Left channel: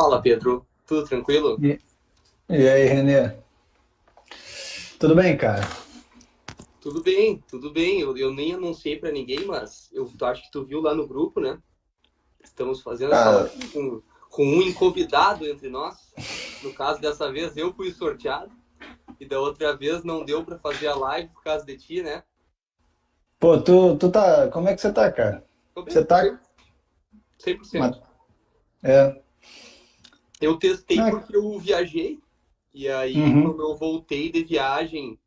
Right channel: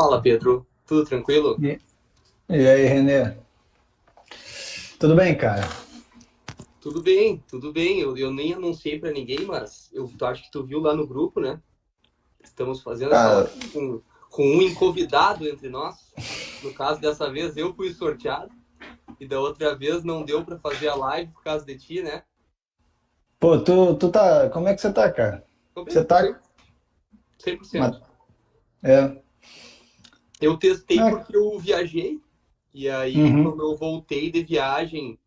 Fala, Pedro. Tudo tranquilo? E, e aí, Renê? Tudo bem, cara? Tudo bem, tudo bem. Eu nem anunciei pra ninguém, mas tu acho que tu viu lá no grupo, né? Estamos fazendo essa Cara, live com um convidado entre nós. No caso, dessa vez eu fui sorteado e da outra vez não deu pra fazer a live por causa de ti, né? pô, tu tá. Como é que você tá, cara? Tô bem, Você tô bem. tá. 100%. ma- É. Eu testei Ah, porque eu viajei e aí uhum. quando eu voltei de viagem,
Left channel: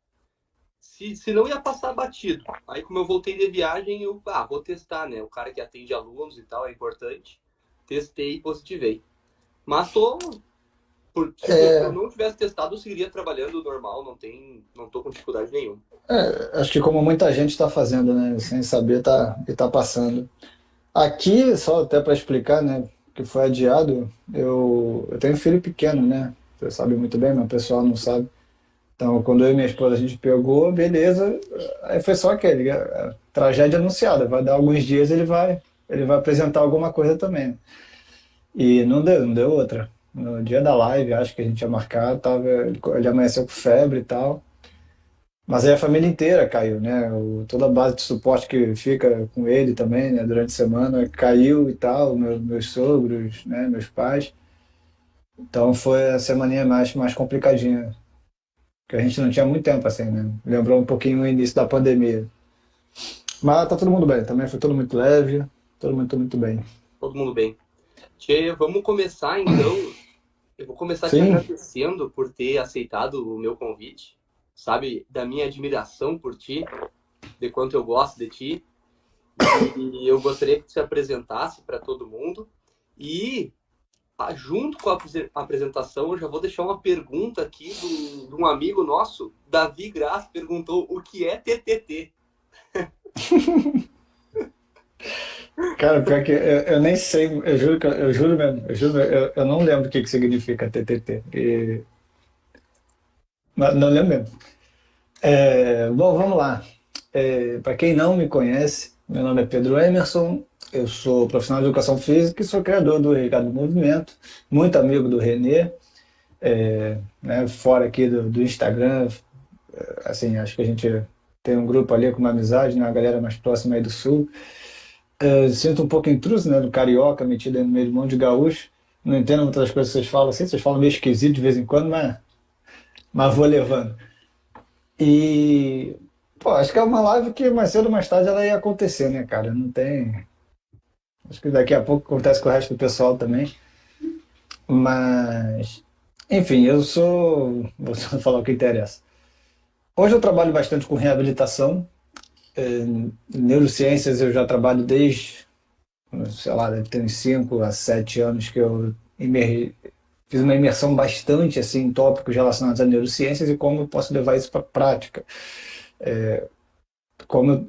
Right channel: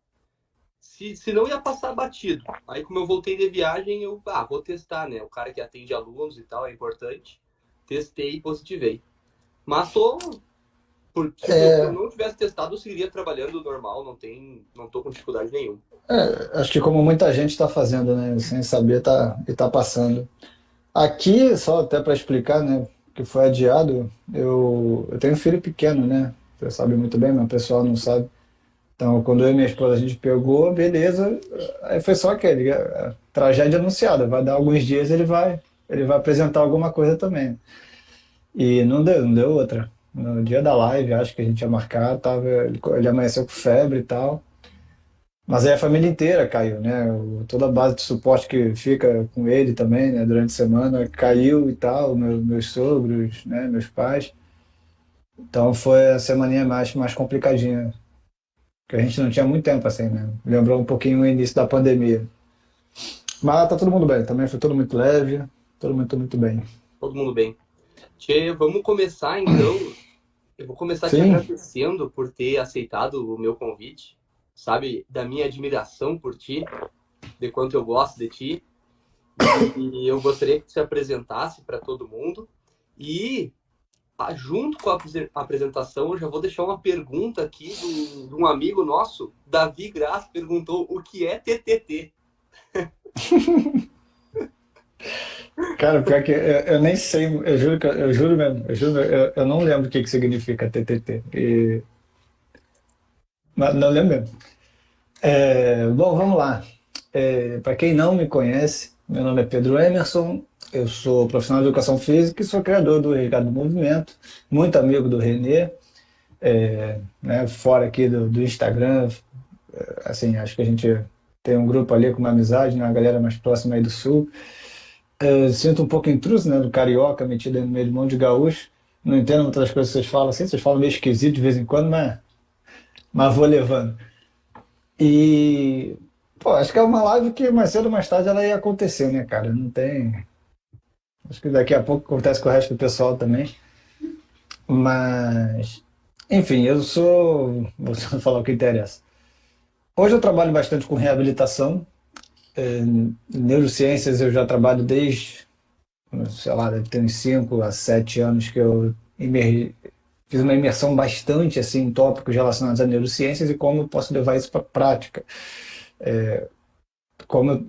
se não ia passar batido. Aí, como eu voltei de viagem, vou testar, né? O cara que atende alunos e tal é importante. Testei e positivei. Mas se eu É, não tivesse testado, eu seguiria trabalhando normal, não tô com dificuldade nenhuma. acho que como muita gente está fazendo, né? Sem saber e tá passando. Aqui, só até para explicar, né? Que foi adiado, eu tenho um filho pequeno, né? Você sabe muito bem, mas o pessoal não sabe. Então, quando eu e minha esposa a gente pegou, beleza. Aí foi só aquele, tragédia anunciada. Vai dar alguns dias, ele vai apresentar alguma coisa também. E não deu outra. No dia da live, acho que a gente ia marcar, ele amanheceu com febre e tal. Mas aí a família inteira caiu, né? Toda a base de suporte que fica com ele também, né? Durante a semana caiu e tal, meus sogros, né? Meus pais. Então foi a semaninha mais complicadinha, que a gente não tinha muito tempo assim, né? Lembrou um pouquinho o início da pandemia. Mas tá todo mundo bem, também foi tudo muito leve, todo mundo muito bem. Todo mundo bem. Tchê, vamos começar então. Eu vou começar te Sim, agradecendo por ter aceitado o meu convite. Sabe, da minha admiração por ti, de quanto eu gosto de ti. E eu gostaria que tu se apresentasse para todo mundo. E junto com a apresentação, eu já vou deixar uma pergunta aqui de um amigo nosso, Davi Graça, perguntou o que é TTT. cara, pior que eu nem sei, eu juro, eu juro mesmo, eu não lembro o que significa TTT. Mas não lembro mesmo. Bom, vamos lá. Para quem não me conhece, meu nome é Pedro Emerson, eu sou profissional de educação física e sou criador do Regado do Movimento, muito amigo do Renê, né, fora aqui do Instagram, assim, acho que a gente tem um grupo ali com uma amizade, né, uma galera mais próxima aí do Sul. Sinto um pouco intruso, né, do carioca metido aí no meio de um monte de gaúcho. Não entendo muitas das coisas que vocês falam assim, vocês falam meio esquisito de vez em quando, mas vou levando. E, pô, acho que é uma live que mais cedo ou mais tarde ela ia acontecer, né, cara? Não tem. Acho que daqui a pouco acontece com o resto do pessoal também. Mas, enfim, eu sou. Vou só falar o que interessa. Hoje eu trabalho bastante com reabilitação. Neurociências eu já trabalho desde, sei lá, deve ter uns 5 a 7 anos que fiz uma imersão bastante assim, em tópicos relacionados a neurociências e como eu posso levar isso para a prática. Como eu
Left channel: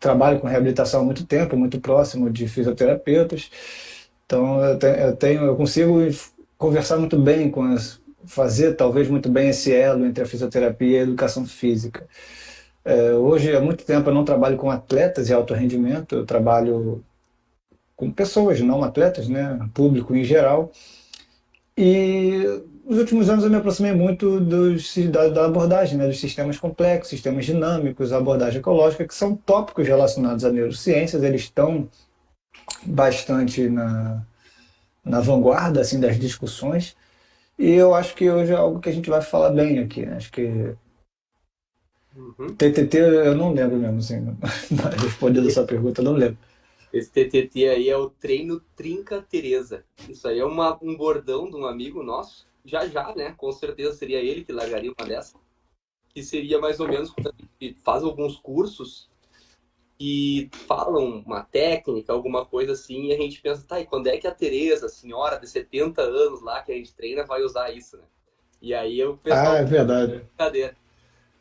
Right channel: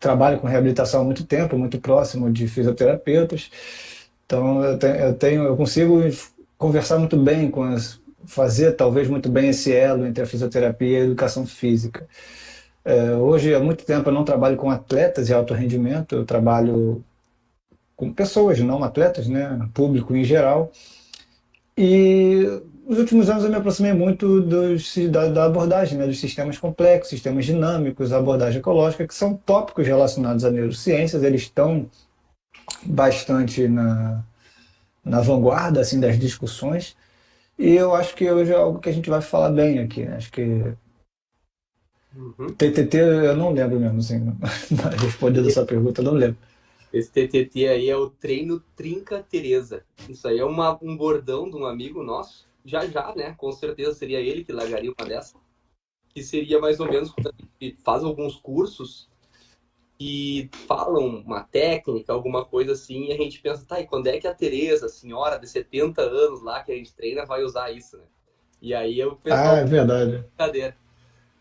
trabalho com reabilitação há muito tempo, muito próximo de fisioterapeutas, então eu consigo conversar muito bem fazer talvez muito bem esse elo entre a fisioterapia e a educação física. Hoje, há muito tempo, eu não trabalho com atletas de alto rendimento, eu trabalho com pessoas, não atletas, né, público em geral. E nos últimos anos eu me aproximei muito da abordagem, né, dos sistemas complexos, sistemas dinâmicos, a abordagem ecológica, que são tópicos relacionados a neurociências, eles estão bastante na vanguarda assim, das discussões. E eu acho que hoje é algo que a gente vai falar bem aqui. Né? Acho que Uhum. TTT eu não lembro mesmo, assim, respondendo essa pergunta, eu não lembro. Esse TTT aí é o treino Trinca Teresa. Isso aí é um bordão de um amigo nosso. Já já, né? Com certeza seria ele que largaria uma dessa. Que seria mais ou menos quando a gente faz alguns cursos e falam uma técnica, alguma coisa assim, e a gente pensa, tá, e quando é que a Tereza, a senhora de 70 anos lá que a gente treina, vai usar isso, né? E aí o Ah, pessoal é verdade. brincadeira.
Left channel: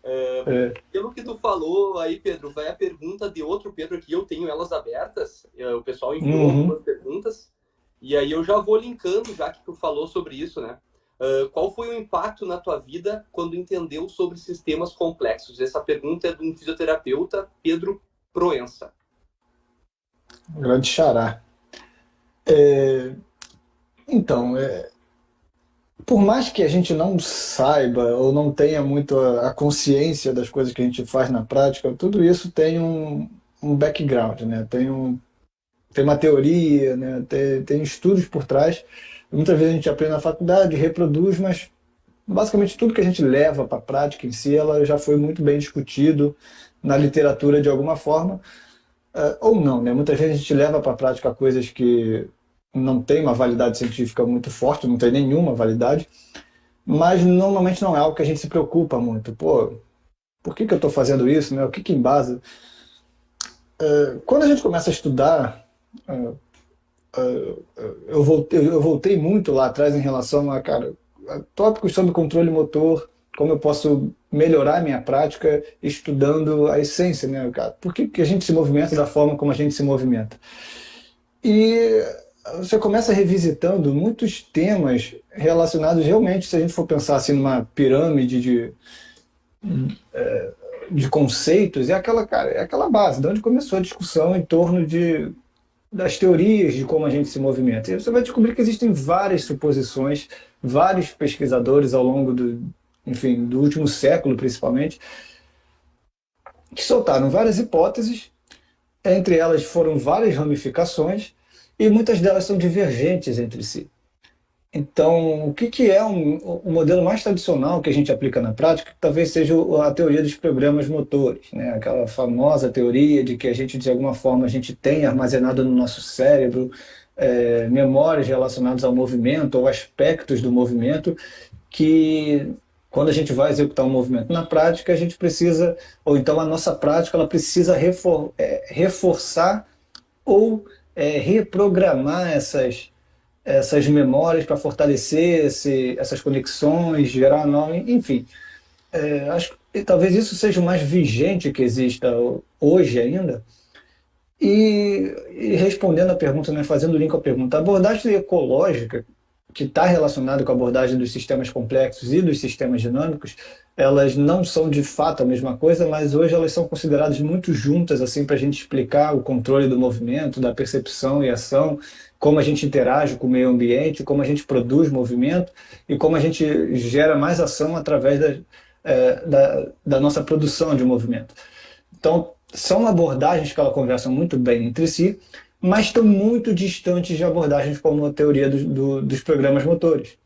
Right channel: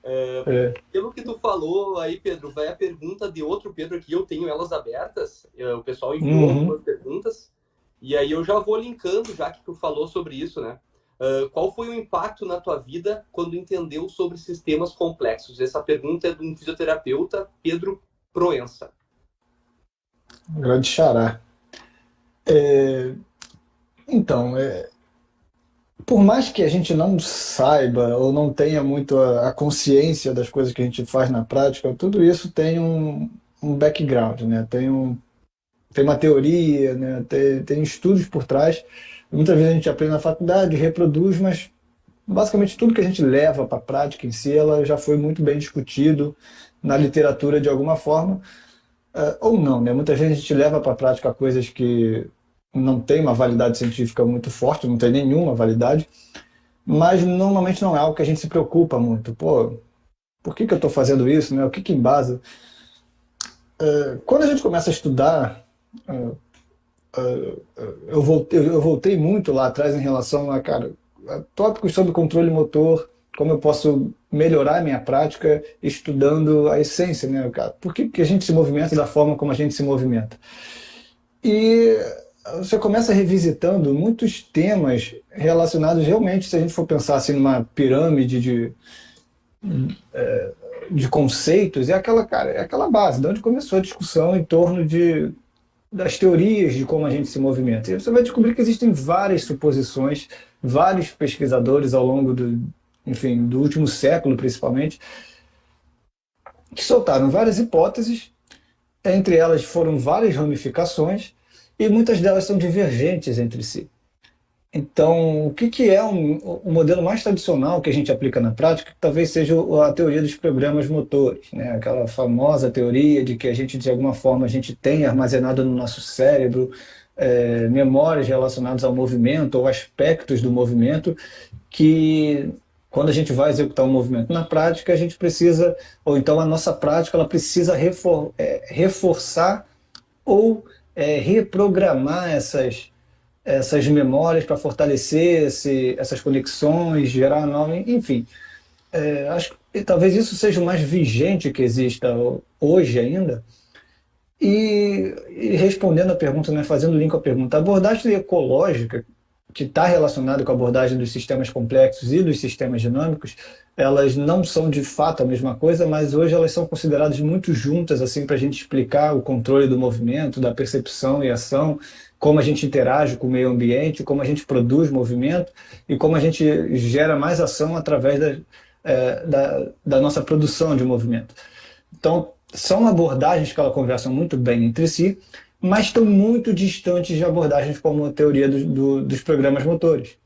É. Pelo que tu falou aí, Pedro, vai a pergunta de outro Pedro aqui, eu tenho elas abertas, o pessoal enviou Uhum. algumas perguntas, e aí eu já vou linkando, já que tu falou sobre isso, né? Qual foi o impacto na tua vida quando entendeu sobre sistemas complexos? Essa pergunta é de um fisioterapeuta, Pedro Proença. Grande xará. Então, por mais que a gente não saiba ou não tenha muito a consciência das coisas que a gente faz na prática, tudo isso tem um background, né? Tem uma teoria, né? Tem estudos por trás. Muitas vezes a gente aprende na faculdade, reproduz, mas basicamente tudo que a gente leva para a prática em si, ela já foi muito bem discutido na literatura de alguma forma, ou não, né? Muitas vezes a gente leva para a prática coisas que não têm uma validade científica muito forte, não tem nenhuma validade, mas normalmente não é algo que a gente se preocupa muito. Pô, por que eu estou fazendo isso, né? O que embasa? Quando a gente começa a estudar, eu voltei muito lá atrás em relação a tópicos sobre controle motor, como eu posso melhorar a minha prática estudando a essência, né, cara? Por que a gente se movimenta da forma como a gente se movimenta? E você começa revisitando muitos temas relacionados realmente, se a gente for pensar assim numa pirâmide de conceitos, cara, é aquela base, de onde começou a discussão em torno das teorias de como a gente se movimenta. E você vai descobrir que existem várias suposições, vários pesquisadores ao longo enfim, do último século principalmente, que soltaram várias hipóteses, entre elas foram várias ramificações, e muitas delas são divergentes entre si. Então, o que é o modelo mais tradicional que a gente aplica na prática? Talvez seja a teoria dos programas motores, né? Aquela famosa teoria de que a gente, de alguma forma, a gente tem armazenado no nosso cérebro memórias relacionadas ao movimento ou aspectos do movimento que, quando a gente vai executar um movimento na prática, a gente precisa, ou então a nossa prática, ela precisa reforçar ou reprogramar essas memórias para fortalecer essas conexões, gerar nome, enfim. Acho que talvez isso seja o mais vigente que exista hoje ainda. E respondendo a pergunta, né, fazendo o link com a pergunta, a abordagem ecológica, que está relacionada com a abordagem dos sistemas complexos e dos sistemas dinâmicos, elas não são de fato a mesma coisa, mas hoje elas são consideradas muito juntas assim para a gente explicar o controle do movimento, da percepção e ação, como a gente interage com o meio ambiente, como a gente produz movimento e como a gente gera mais ação através da nossa produção de movimento. Então, são abordagens que elas conversam muito bem entre si, mas estão muito distantes de abordagens como a teoria dos programas motores.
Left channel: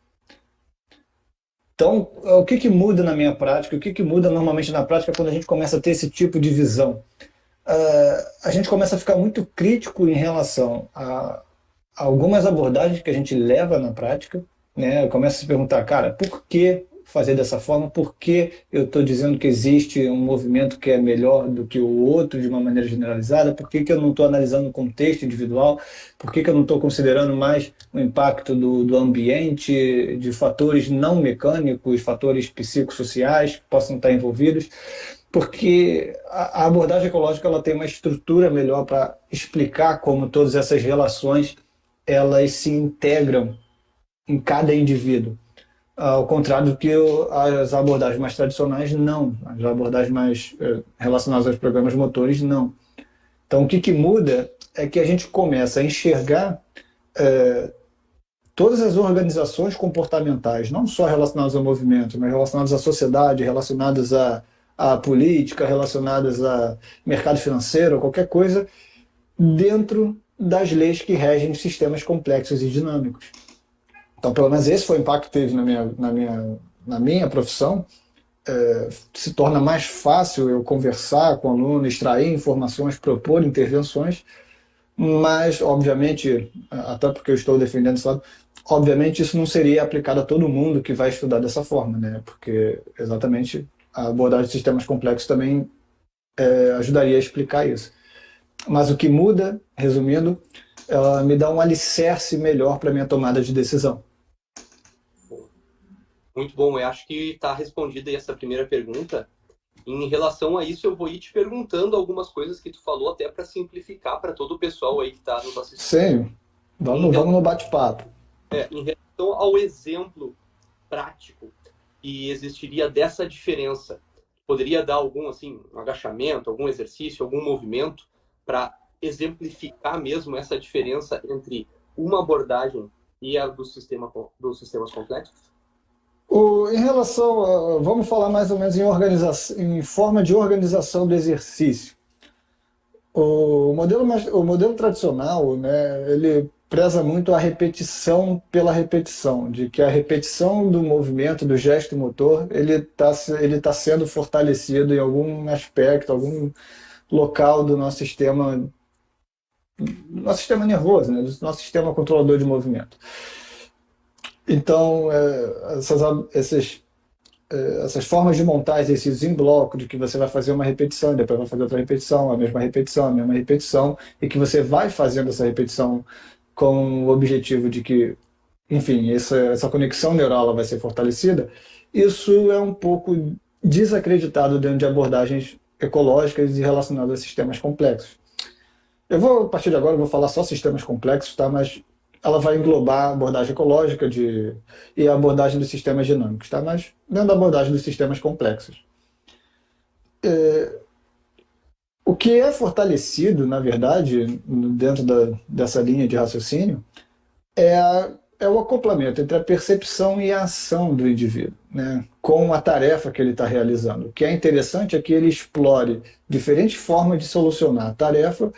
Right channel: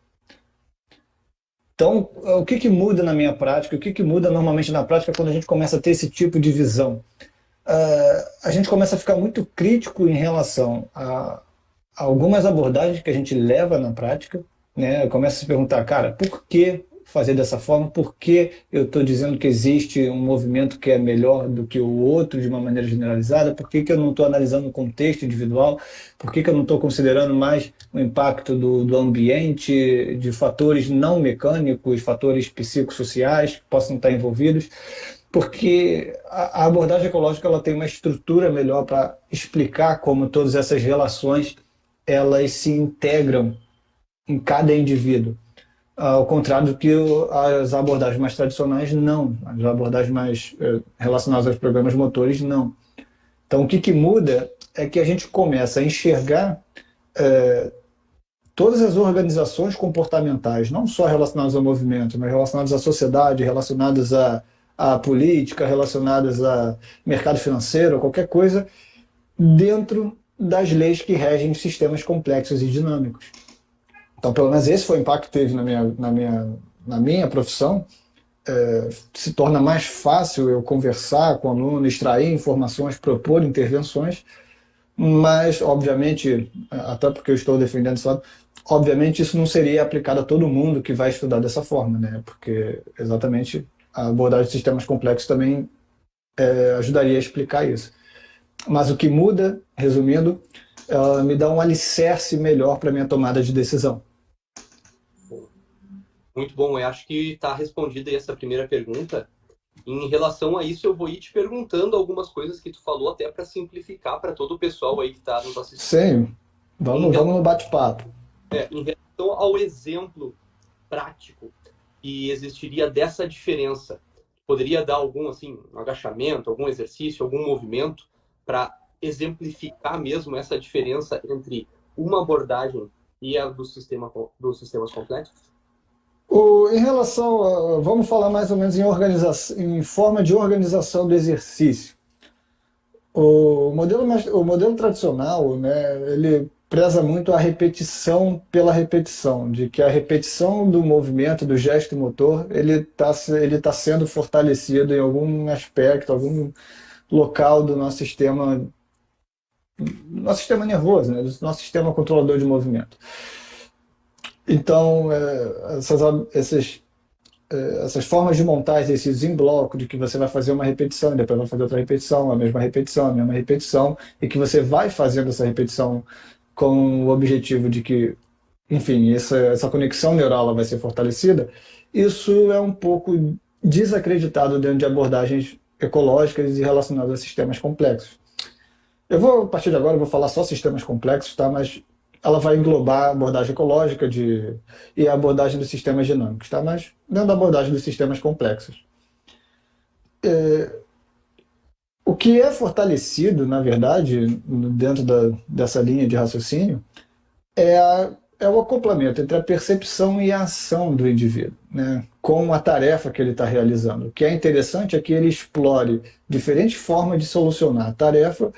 Então, o que muda na minha prática, o que muda normalmente na prática quando a gente começa a ter esse tipo de visão? A gente começa a ficar muito crítico em relação a algumas abordagens que a gente leva na prática, né? Começa a se perguntar, cara, por que fazer dessa forma? Por que eu estou dizendo que existe um movimento que é melhor do que o outro de uma maneira generalizada? Por que eu não estou analisando o contexto individual? Por que eu não estou considerando mais o impacto do ambiente, de fatores não mecânicos, fatores psicossociais que possam estar envolvidos? Porque a abordagem ecológica ela tem uma estrutura melhor para explicar como todas essas relações elas se integram em cada indivíduo. Ao contrário do que as abordagens mais tradicionais, não. As abordagens mais relacionadas aos programas motores, não. Então, o que muda é que a gente começa a enxergar todas as organizações comportamentais, não só relacionadas ao movimento, mas relacionadas à sociedade, relacionadas à política, relacionadas a mercado financeiro, qualquer coisa, dentro das leis que regem sistemas complexos e dinâmicos. Então, pelo menos esse foi o impacto que teve na minha profissão. Se torna mais fácil eu conversar com o aluno, extrair informações, propor intervenções, mas, obviamente, até porque eu estou defendendo esse lado, obviamente isso não seria aplicado a todo mundo que vai estudar dessa forma, né? Porque exatamente a abordagem de sistemas complexos também ajudaria a explicar isso. Mas o que muda, resumindo, ela me dá um alicerce melhor para a minha tomada de decisão. Muito bom, eu acho que está respondida aí essa primeira pergunta. Em relação a isso, eu vou ir te perguntando algumas coisas que tu falou, até para simplificar para todo o pessoal aí que está nos assistindo. Sim, vamos no bate-papo. Em relação ao exemplo prático que existiria dessa diferença, poderia dar algum assim, um agachamento, algum exercício, algum movimento para exemplificar mesmo essa diferença entre uma abordagem e a dos sistemas complexos? Em relação vamos falar mais ou menos em organização, em forma de organização do exercício. O modelo tradicional, né, ele preza muito a repetição pela repetição, de que a repetição do movimento, do gesto motor, ele tá sendo fortalecido em algum aspecto, algum local do nosso sistema nervoso, né, do nosso sistema controlador de movimento. Então, essas formas de montar exercícios em bloco, de que você vai fazer uma repetição, depois vai fazer outra repetição, a mesma repetição, a mesma repetição, e que você vai fazendo essa repetição com o objetivo de que, enfim, essa conexão neural vai ser fortalecida, isso é um pouco desacreditado dentro de abordagens ecológicas e relacionadas a sistemas complexos. A partir de agora, eu vou falar só sistemas complexos, tá? Mas ela vai englobar a abordagem ecológica e a abordagem dos sistemas dinâmicos, tá? Mas dentro da abordagem dos sistemas complexos. O que é fortalecido, na verdade, dentro dessa linha de raciocínio, é o acoplamento entre a percepção e a ação do indivíduo, né, com a tarefa que ele está realizando. O que é interessante é que ele explore diferentes formas de solucionar a tarefa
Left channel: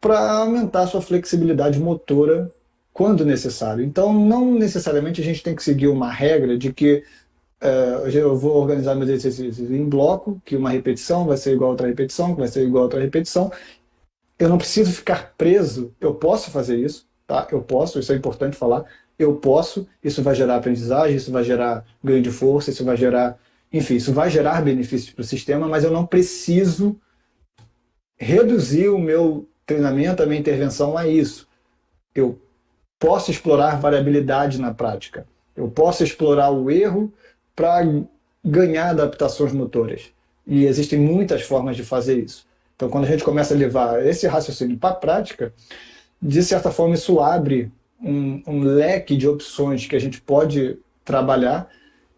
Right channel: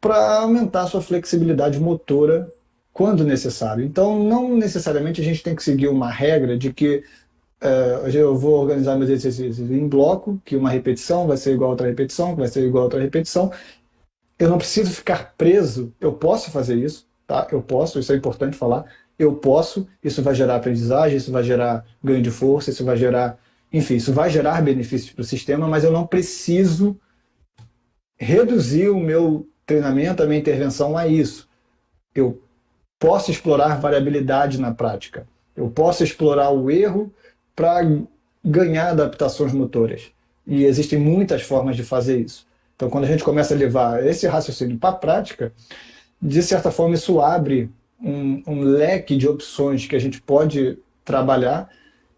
para aumentar a sua flexibilidade motora quando necessário. Então, não necessariamente a gente tem que seguir uma regra de que eu vou organizar meus exercícios em bloco, que uma repetição vai ser igual a outra repetição, que vai ser igual a outra repetição. Eu não preciso ficar preso, eu posso fazer isso, tá? Eu posso, isso é importante falar. Eu posso, isso vai gerar aprendizagem, isso vai gerar ganho de força, isso vai gerar, enfim, isso vai gerar benefícios para o sistema, mas eu não preciso reduzir o meu treinamento, a minha intervenção a isso. Eu posso explorar variabilidade na prática. Eu posso explorar o erro para ganhar adaptações motoras. E existem muitas formas de fazer isso. Então, quando a gente começa a levar esse raciocínio para a prática, de certa forma, isso abre um leque de opções que a gente pode trabalhar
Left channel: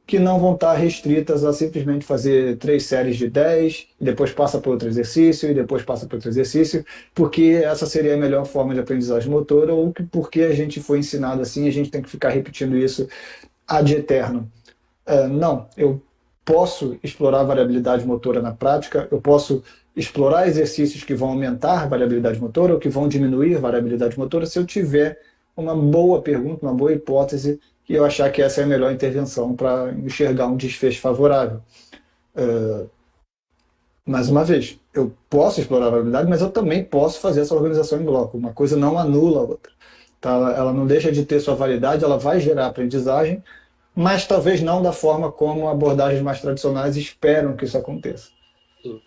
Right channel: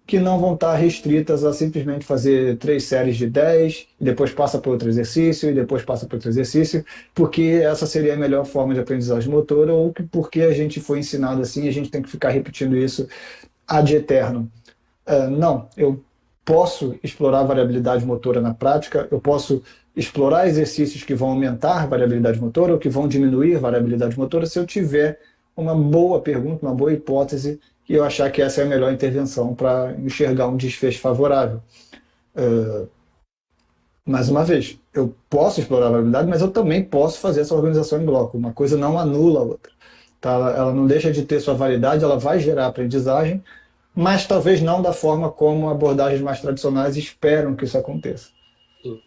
que não vão estar restritas a simplesmente fazer 3 séries de 10, depois passa para outro exercício, e depois passa para outro exercício, porque essa seria a melhor forma de aprendizagem motora, ou porque a gente foi ensinado assim e a gente tem que ficar repetindo isso ad eterno. Não, eu posso explorar a variabilidade motora na prática, eu posso explorar exercícios que vão aumentar a variabilidade motora ou que vão diminuir a variabilidade motora se eu tiver uma boa pergunta, uma boa hipótese e eu achar que essa é a melhor intervenção para enxergar um desfecho favorável. Mais uma vez, eu posso explorar a variabilidade, mas eu também posso fazer essa organização em bloco. Uma coisa não anula a outra. Tá? Ela não deixa de ter sua validade, ela vai gerar aprendizagem, mas talvez não da forma como abordagens mais tradicionais esperam que isso aconteça. Sim.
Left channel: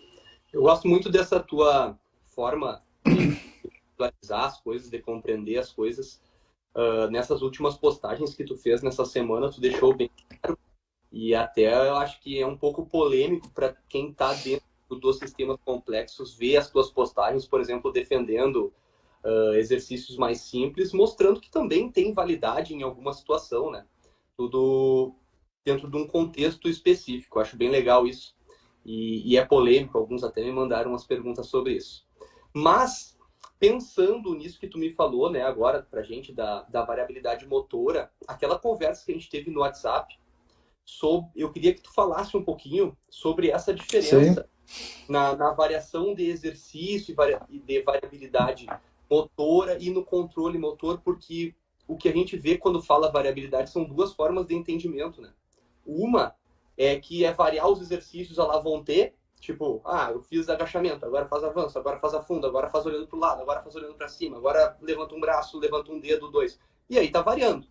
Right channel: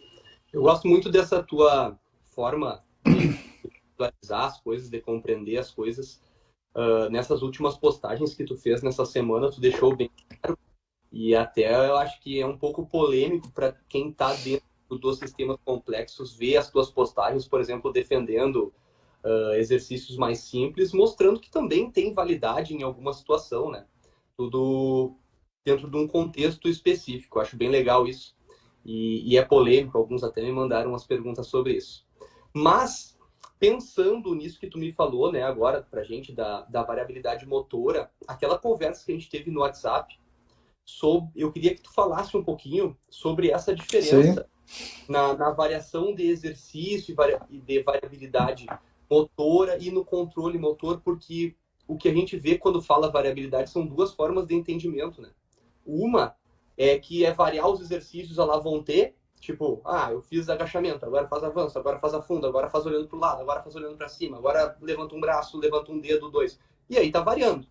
Eu gosto muito dessa tua forma de visualizar as coisas, de compreender as coisas. Nessas últimas postagens que tu fez nessa semana, tu deixou bem claro, e até eu acho que é um pouco polêmico para quem está dentro dos sistemas complexos ver as tuas postagens, por exemplo, defendendo exercícios mais simples, mostrando que também tem validade em alguma situação, né? Tudo dentro de um contexto específico. Eu acho bem legal isso. E é polêmico, alguns até me mandaram umas perguntas sobre isso. Mas, pensando nisso que tu me falou, né, agora pra gente, da variabilidade motora, aquela conversa que a gente teve no WhatsApp, eu queria que tu falasse um pouquinho sobre essa diferença na variação de exercício e de variabilidade motora e no controle motor, porque o que a gente vê quando fala variabilidade são duas formas de entendimento, né? Uma é que é variar os exercícios, lá vão ter, tipo, eu fiz agachamento, agora faz avanço, agora faz afundo, agora faz olhando para o lado, agora faz olhando para cima, agora levanta um braço, levanta um dedo, dois. E aí tá variando.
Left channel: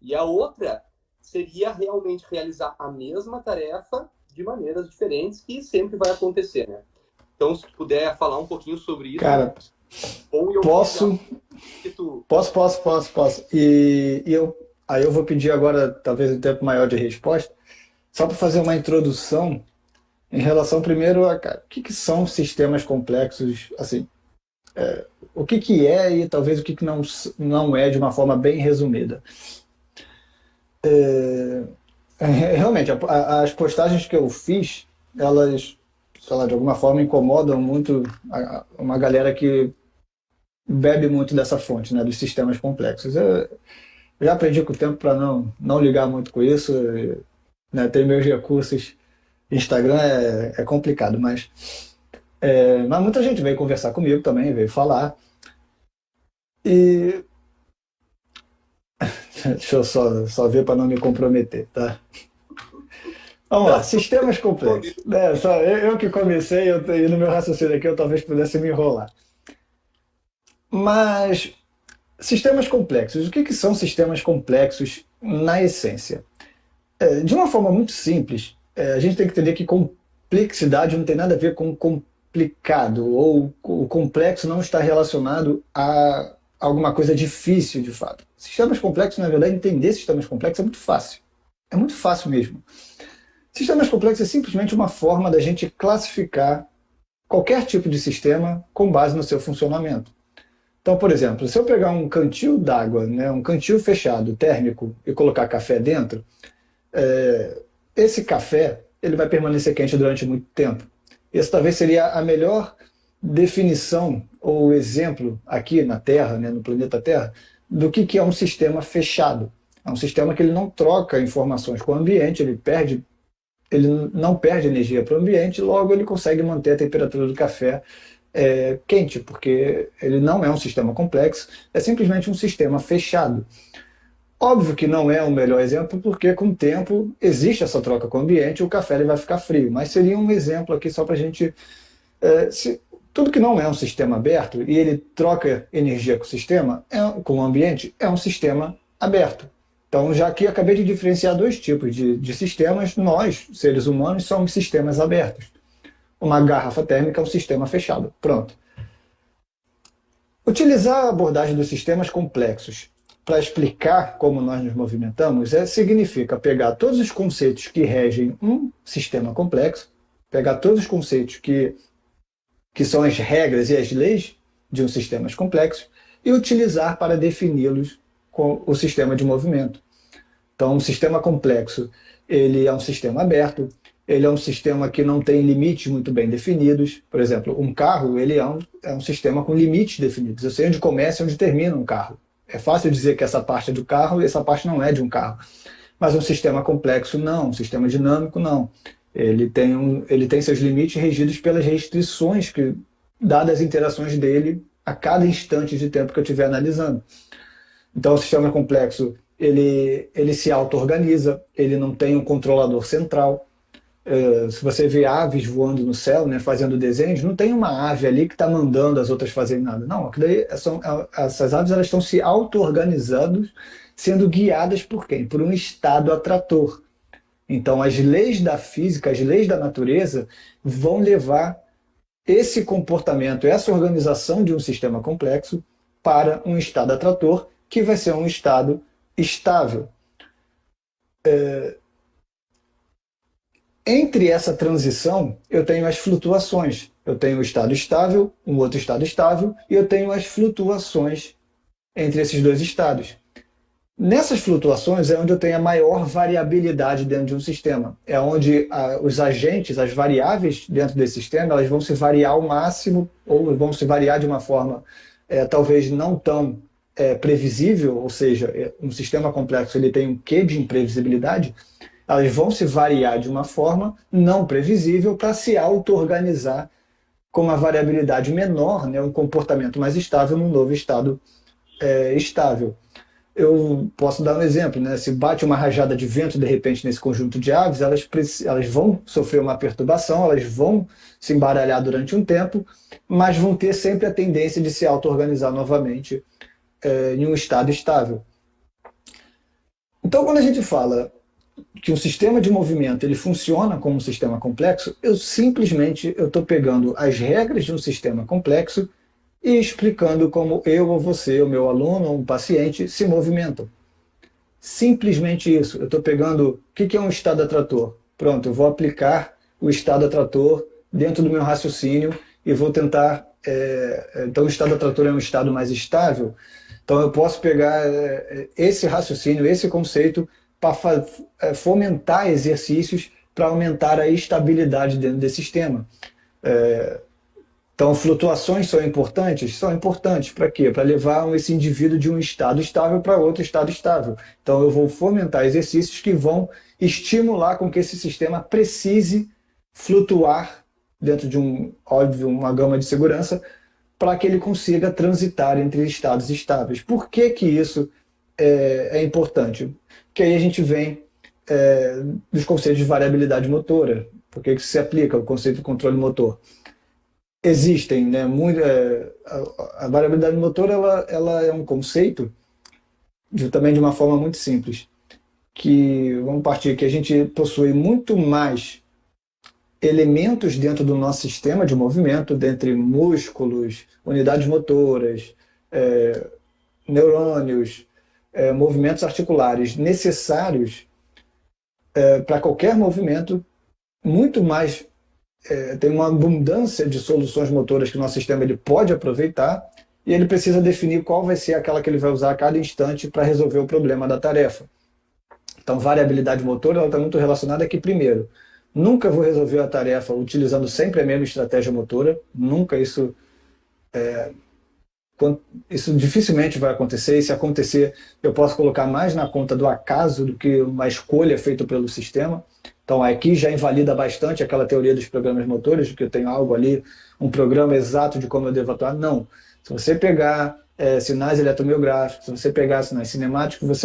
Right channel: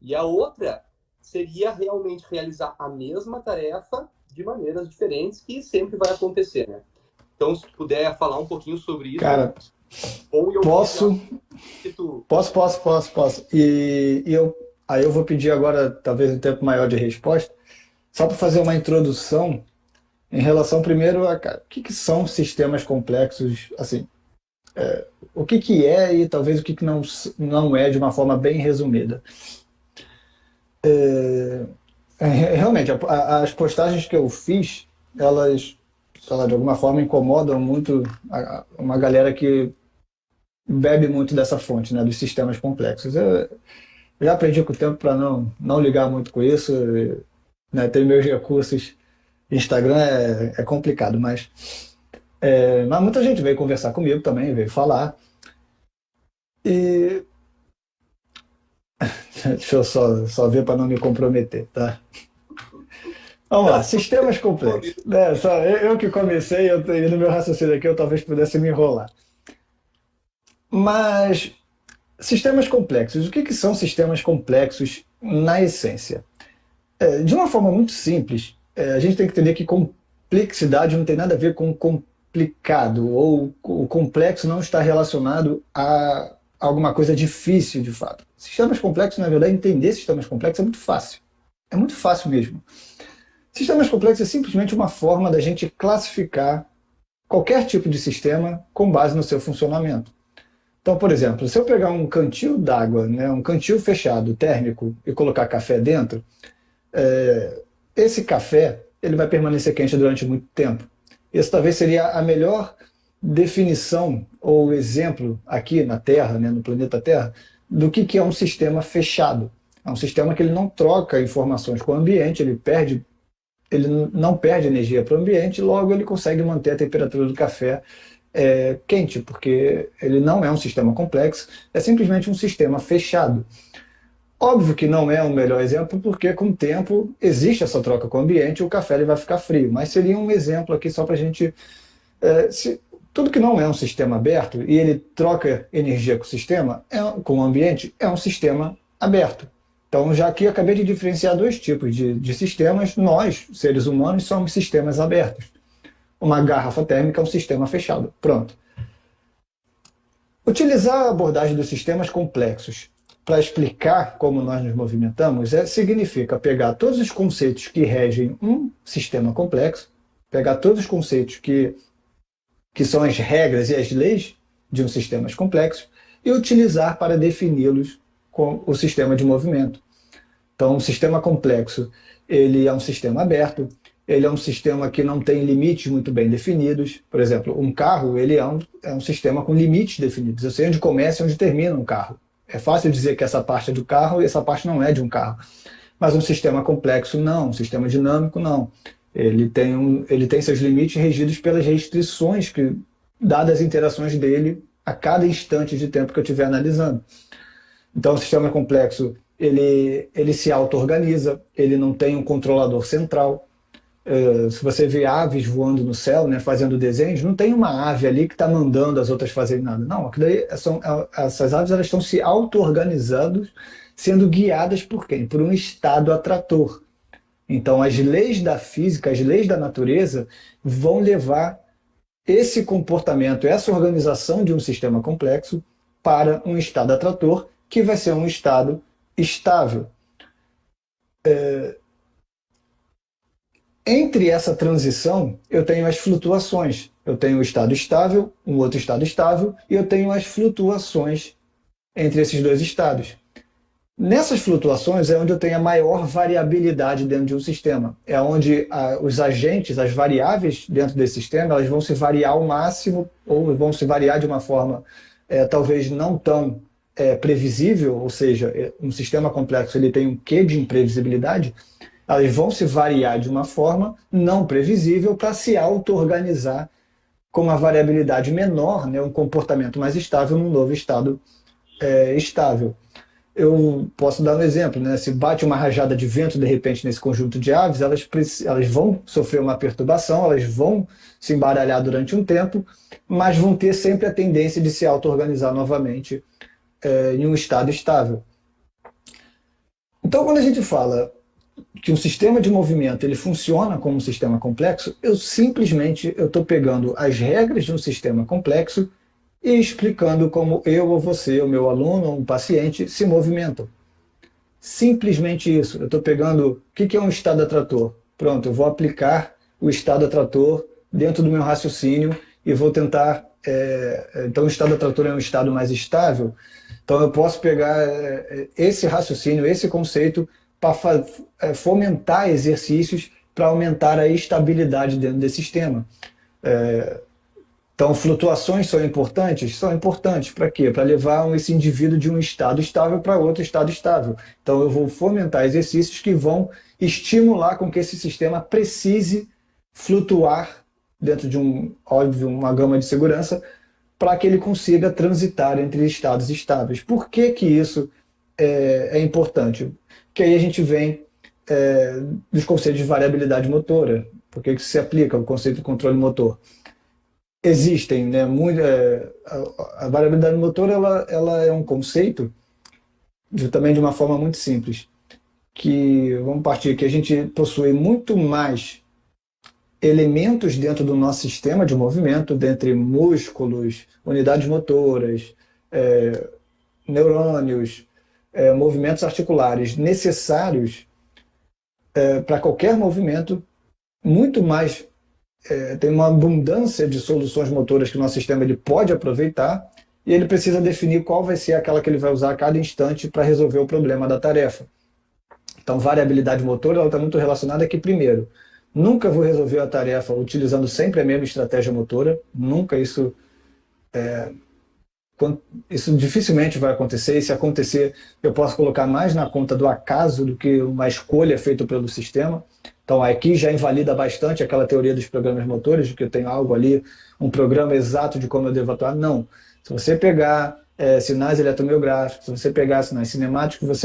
E a outra seria realmente realizar a mesma tarefa de maneiras diferentes, que sempre vai acontecer, né? Então, se tu puder falar um pouquinho sobre isso, Cara, ou eu posso, que tu... posso. Aí eu vou pedir agora, talvez um tempo maior de resposta, só para fazer uma introdução em relação primeiro a o que são sistemas complexos, assim, o que é e talvez o que não é de uma forma bem resumida. Realmente, as postagens que eu fiz, elas, sei lá, de alguma forma incomodam muito uma galera que bebe muito dessa fonte, né, dos sistemas complexos. Eu já aprendi com o tempo para não ligar muito com isso. né? Tem meus recursos. Instagram é complicado, mas muita gente veio conversar comigo também, veio falar. E deixa eu só ver para não me comprometer, tá? Vamos lá, Não, tu sistemas complexos. Né? Só eu que comecei, e no meu raciocínio aqui eu talvez pudesse me enrolar. Mas sistemas complexos, o que que são sistemas complexos na essência? De uma forma muito simples, a gente tem que entender que complexidade não tem nada a ver com complicado, ou o complexo não está relacionado a alguma coisa difícil de fato. Sistemas complexos, na verdade, entender sistemas complexos é muito fácil. É muito fácil mesmo. Sistemas complexos é simplesmente uma forma da gente classificar qualquer tipo de sistema com base no seu funcionamento. Então, por exemplo, se eu pegar um cantil d'água, né, um cantil fechado, térmico, e colocar café dentro, é, esse café ele vai permanecer quente durante muito tempo. Esse talvez seria a melhor definição ou exemplo aqui na Terra, né, no planeta Terra, do que é um sistema fechado. É um sistema que ele não troca informações com o ambiente, ele não perde energia para o ambiente, logo ele consegue manter a temperatura do café quente, porque ele não é um sistema complexo, é simplesmente um sistema fechado. Óbvio que não é o melhor exemplo, porque com o tempo existe essa troca com o ambiente e o café ele vai ficar frio. Mas seria um exemplo aqui só para a gente. Tudo que não é um sistema aberto e ele troca energia com o sistema, com o ambiente, é um sistema aberto. Então, já aqui acabei de diferenciar dois tipos de sistemas. Nós, seres humanos, somos sistemas abertos. Uma garrafa térmica é um sistema fechado. Pronto. Utilizar a abordagem dos sistemas complexos para explicar como nós nos movimentamos significa pegar todos os conceitos que regem um sistema complexo, pegar todos os conceitos que são as regras e as leis de um sistema complexo e utilizar para defini-los com o sistema de movimento. Então, um sistema complexo, ele é um sistema aberto, ele é um sistema que não tem limites muito bem definidos. Por exemplo, um carro ele é um sistema com limites definidos. Eu sei onde começa e onde termina um carro. É fácil dizer que essa parte é do carro e essa parte não é de um carro. Mas um sistema complexo, não. Um sistema dinâmico, não. Ele tem seus limites regidos pelas restrições dadas as interações dele a cada instante de tempo que eu estiver analisando. Então, o sistema complexo, ele se auto-organiza, ele não tem um controlador central. Se você vê aves voando no céu, né, fazendo desenhos, não tem uma ave ali que está mandando as outras fazerem nada. Não, essas aves elas estão se auto-organizando, sendo guiadas por quem? Por um estado atrator. Então, as leis da física, as leis da natureza, vão levar esse comportamento, essa organização de um sistema complexo para um estado atrator, que vai ser um estado estável. Entre essa transição, eu tenho as flutuações. Eu tenho o estado estável, um outro estado estável, e eu tenho as flutuações entre esses dois estados. Nessas flutuações é onde eu tenho a maior variabilidade dentro de um sistema. É onde os agentes, as variáveis dentro desse sistema, elas vão se variar ao máximo, ou vão se variar de uma forma talvez não tão previsível, ou seja, um sistema complexo ele tem um quê de imprevisibilidade, elas vão se variar de uma forma não previsível para se auto-organizar com uma variabilidade menor, né, um comportamento mais estável num novo estado estável. Eu posso dar um exemplo, né? Se bate uma rajada de vento de repente nesse conjunto de aves, elas vão sofrer uma perturbação, elas vão se embaralhar durante um tempo, mas vão ter sempre a tendência de se auto-organizar novamente em um estado estável. Então, quando a gente fala que um sistema de movimento ele funciona como um sistema complexo, eu estou pegando as regras de um sistema complexo e explicando como eu ou você, o meu aluno ou um paciente se movimentam. Simplesmente isso. Eu estou pegando o que é um estado atrator. Pronto, eu vou aplicar o estado atrator dentro do meu raciocínio e vou tentar... então, o estado atrator é um estado mais estável. Então, eu posso pegar esse raciocínio, esse conceito, para fomentar exercícios para aumentar a estabilidade dentro desse sistema. Então, flutuações são importantes? São importantes. Para quê? Para levar esse indivíduo de um estado estável para outro estado estável. Então, eu vou fomentar exercícios que vão estimular com que esse sistema precise flutuar dentro de óbvio, uma gama de segurança, para que ele consiga transitar entre estados estáveis. Por que que isso é importante? Porque aí a gente vem dos conceitos de variabilidade motora. Por que que se aplica o conceito de controle motor? Existem, né, a variabilidade motora ela é um conceito também de uma forma muito simples, que vamos partir que a gente possui muito mais elementos dentro do nosso sistema de movimento, dentre músculos, unidades motoras, neurônios, movimentos articulares necessários para qualquer movimento, muito mais tem uma abundância de soluções motoras que o nosso sistema ele pode aproveitar e ele precisa definir qual vai ser aquela que ele vai usar a cada instante para resolver o problema da tarefa. Então, variabilidade motora está muito relacionada aqui, primeiro, nunca vou resolver a tarefa utilizando sempre a mesma estratégia motora, nunca isso dificilmente vai acontecer, e se acontecer, eu posso colocar mais na conta do acaso do que uma escolha feita pelo sistema. Então, aqui já invalida bastante aquela teoria dos programas motores, de que eu tenho algo ali, um programa exato de como eu devo atuar. Não. Se você pegar sinais eletromiográficos, se você pegar sinais cinemáticos,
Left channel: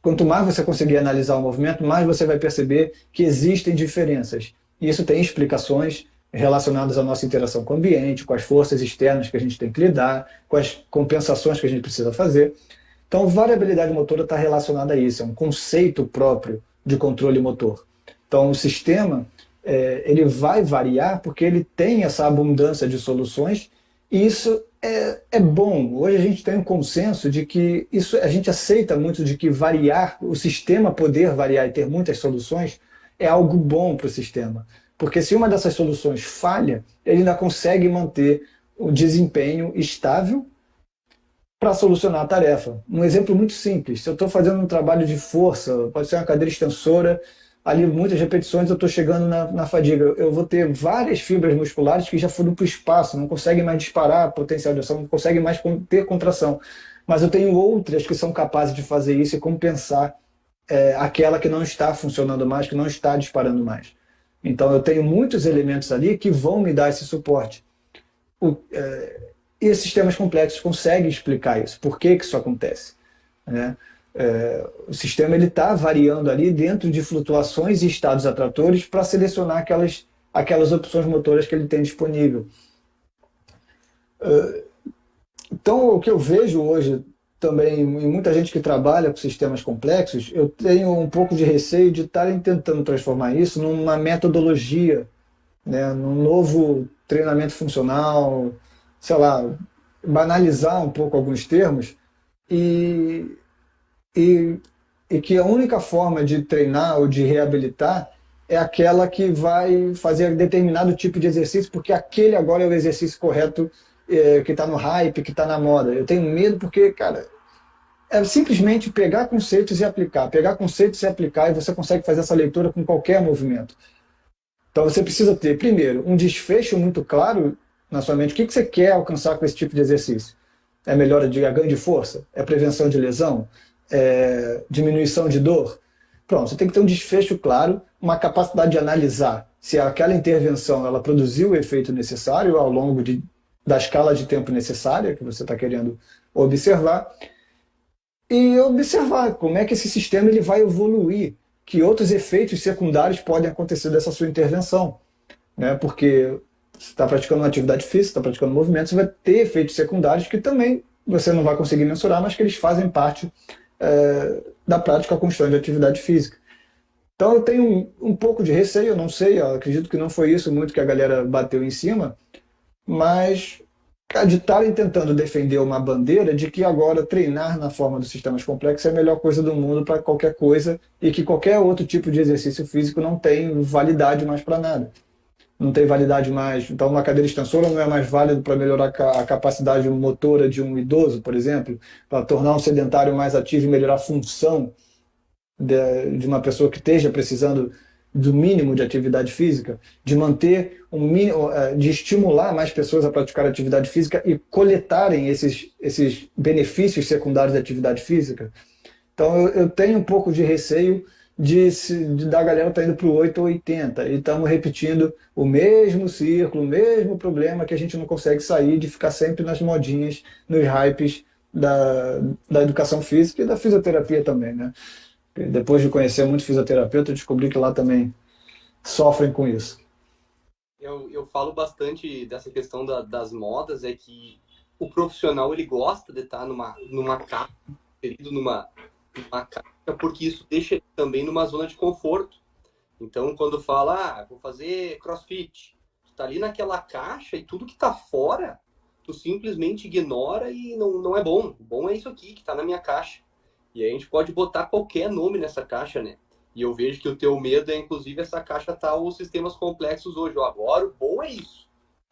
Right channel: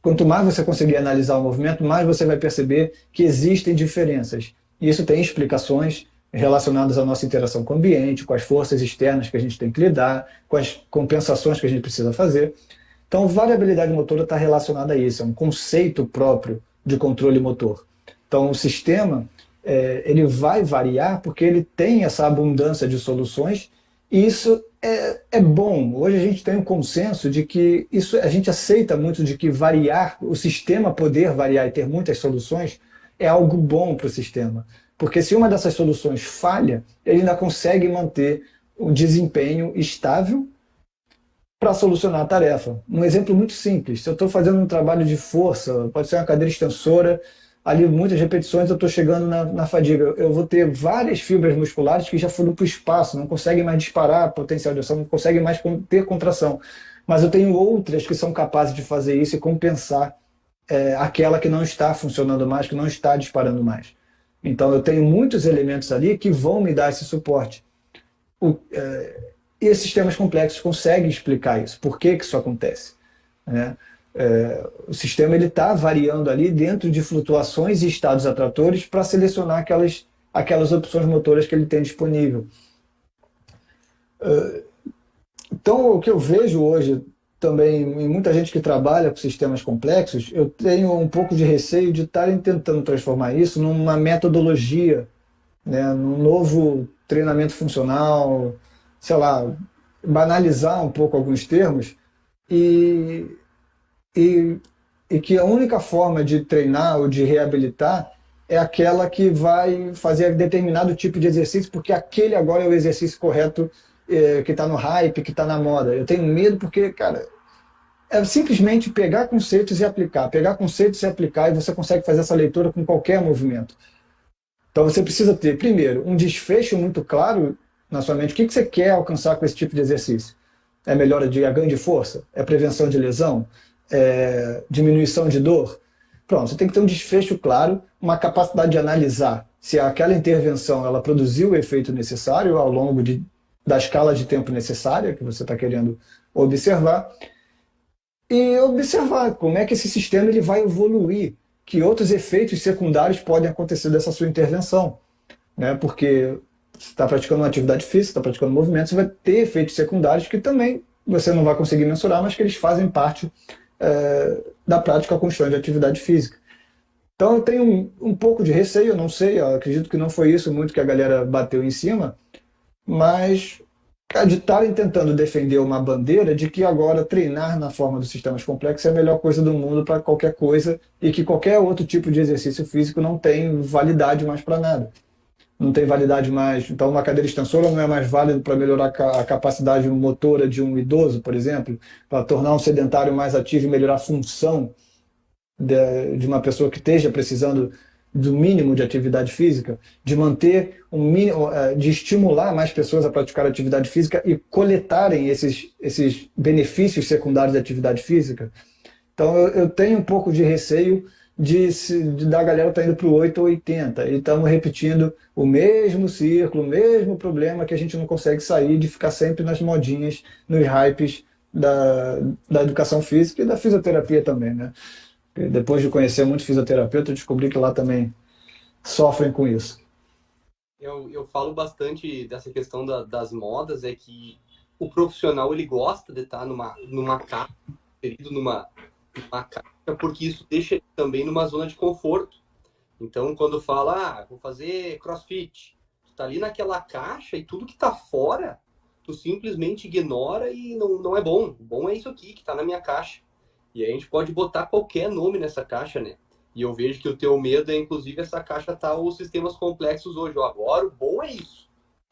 quanto mais você conseguir analisar o movimento, mais você vai perceber que existem diferenças. E isso tem explicações relacionadas à nossa interação com o ambiente, com as forças externas que a gente tem que lidar, com as compensações que a gente precisa fazer. Então, variabilidade motora está relacionada a isso, é um conceito próprio de controle motor. Então, o sistema ele vai variar porque ele tem essa abundância de soluções e isso é bom. Hoje a gente tem um consenso de que isso a gente aceita muito de que variar, o sistema poder variar e ter muitas soluções é algo bom para o sistema. Porque se uma dessas soluções falha, ele ainda consegue manter o desempenho estável para solucionar a tarefa. Um exemplo muito simples, se eu estou fazendo um trabalho de força, pode ser uma cadeira extensora, ali muitas repetições eu estou chegando na fadiga, eu vou ter várias fibras musculares que já foram para o espaço, não conseguem mais disparar potencial de ação, não conseguem mais ter contração. Mas eu tenho outras que são capazes de fazer isso e compensar aquela que não está funcionando mais, que não está disparando mais. Então eu tenho muitos elementos ali que vão me dar esse suporte. E esses sistemas complexos conseguem explicar isso. Por que que isso acontece? O sistema está variando ali dentro de flutuações e estados atratores para selecionar aquelas opções motoras que ele tem disponível. Então, o que eu vejo hoje também em muita gente que trabalha com sistemas complexos, eu tenho um pouco de receio de estarem tentando transformar isso numa metodologia, né, num novo treinamento funcional, sei lá, banalizar um pouco alguns termos e que a única forma de treinar ou de reabilitar é aquela que vai fazer determinado tipo de exercício, porque aquele agora é o exercício correto que está no hype, que está na moda. Eu tenho medo porque, cara, é simplesmente pegar conceitos e aplicar. Pegar conceitos e aplicar e você consegue fazer essa leitura com qualquer movimento. Então você precisa ter, primeiro, um desfecho muito claro na sua mente. O que você quer alcançar com esse tipo de exercício? É melhora de ganho de força? É prevenção de lesão? É diminuição de dor? Pronto, você tem que ter um desfecho claro, uma capacidade de analisar se aquela intervenção ela produziu o efeito necessário ao longo da escala de tempo necessária que você está querendo observar, e observar como é que esse sistema ele vai evoluir, que outros efeitos secundários podem acontecer dessa sua intervenção, né? Porque você está praticando uma atividade física, está praticando movimento, você vai ter efeitos secundários que também você não vai conseguir mensurar, mas que eles fazem parte da prática constante de atividade física. Então eu tenho um pouco de receio, eu não sei, eu acredito que não foi isso muito que a galera bateu em cima, mas de estarem tentando defender uma bandeira de que agora treinar na forma dos sistemas complexos é a melhor coisa do mundo para qualquer coisa e que qualquer outro tipo de exercício físico não tem validade mais para nada. Não tem validade mais. Então, uma cadeira extensora não é mais válido para melhorar a capacidade motora de um idoso, por exemplo, para tornar um sedentário mais ativo e melhorar a função de uma pessoa que esteja precisando do mínimo de atividade física, de manter um mínimo, de estimular mais pessoas a praticar atividade física e coletarem esses benefícios secundários da atividade física. Então eu tenho um pouco de receio da galera estar indo para o 8 ou 80 e estamos repetindo o mesmo círculo, o mesmo problema que a gente não consegue sair de ficar sempre nas modinhas, nos hypes da educação física e da fisioterapia também, né? E depois de conhecer muito fisioterapeuta, eu descobri que lá também sofrem com isso. Eu falo bastante dessa questão das modas, é que o profissional ele gosta de estar numa caixa, inserido numa caixa, porque isso deixa ele também numa zona de conforto. Então, quando fala, vou fazer crossfit, tu tá ali naquela caixa e tudo que tá fora, tu simplesmente ignora e não é bom. O bom é isso aqui, que tá na minha caixa. E aí a gente pode botar qualquer nome nessa caixa, né? E eu vejo que o teu medo é, inclusive, essa caixa tá os sistemas complexos hoje. Agora, o bom é isso.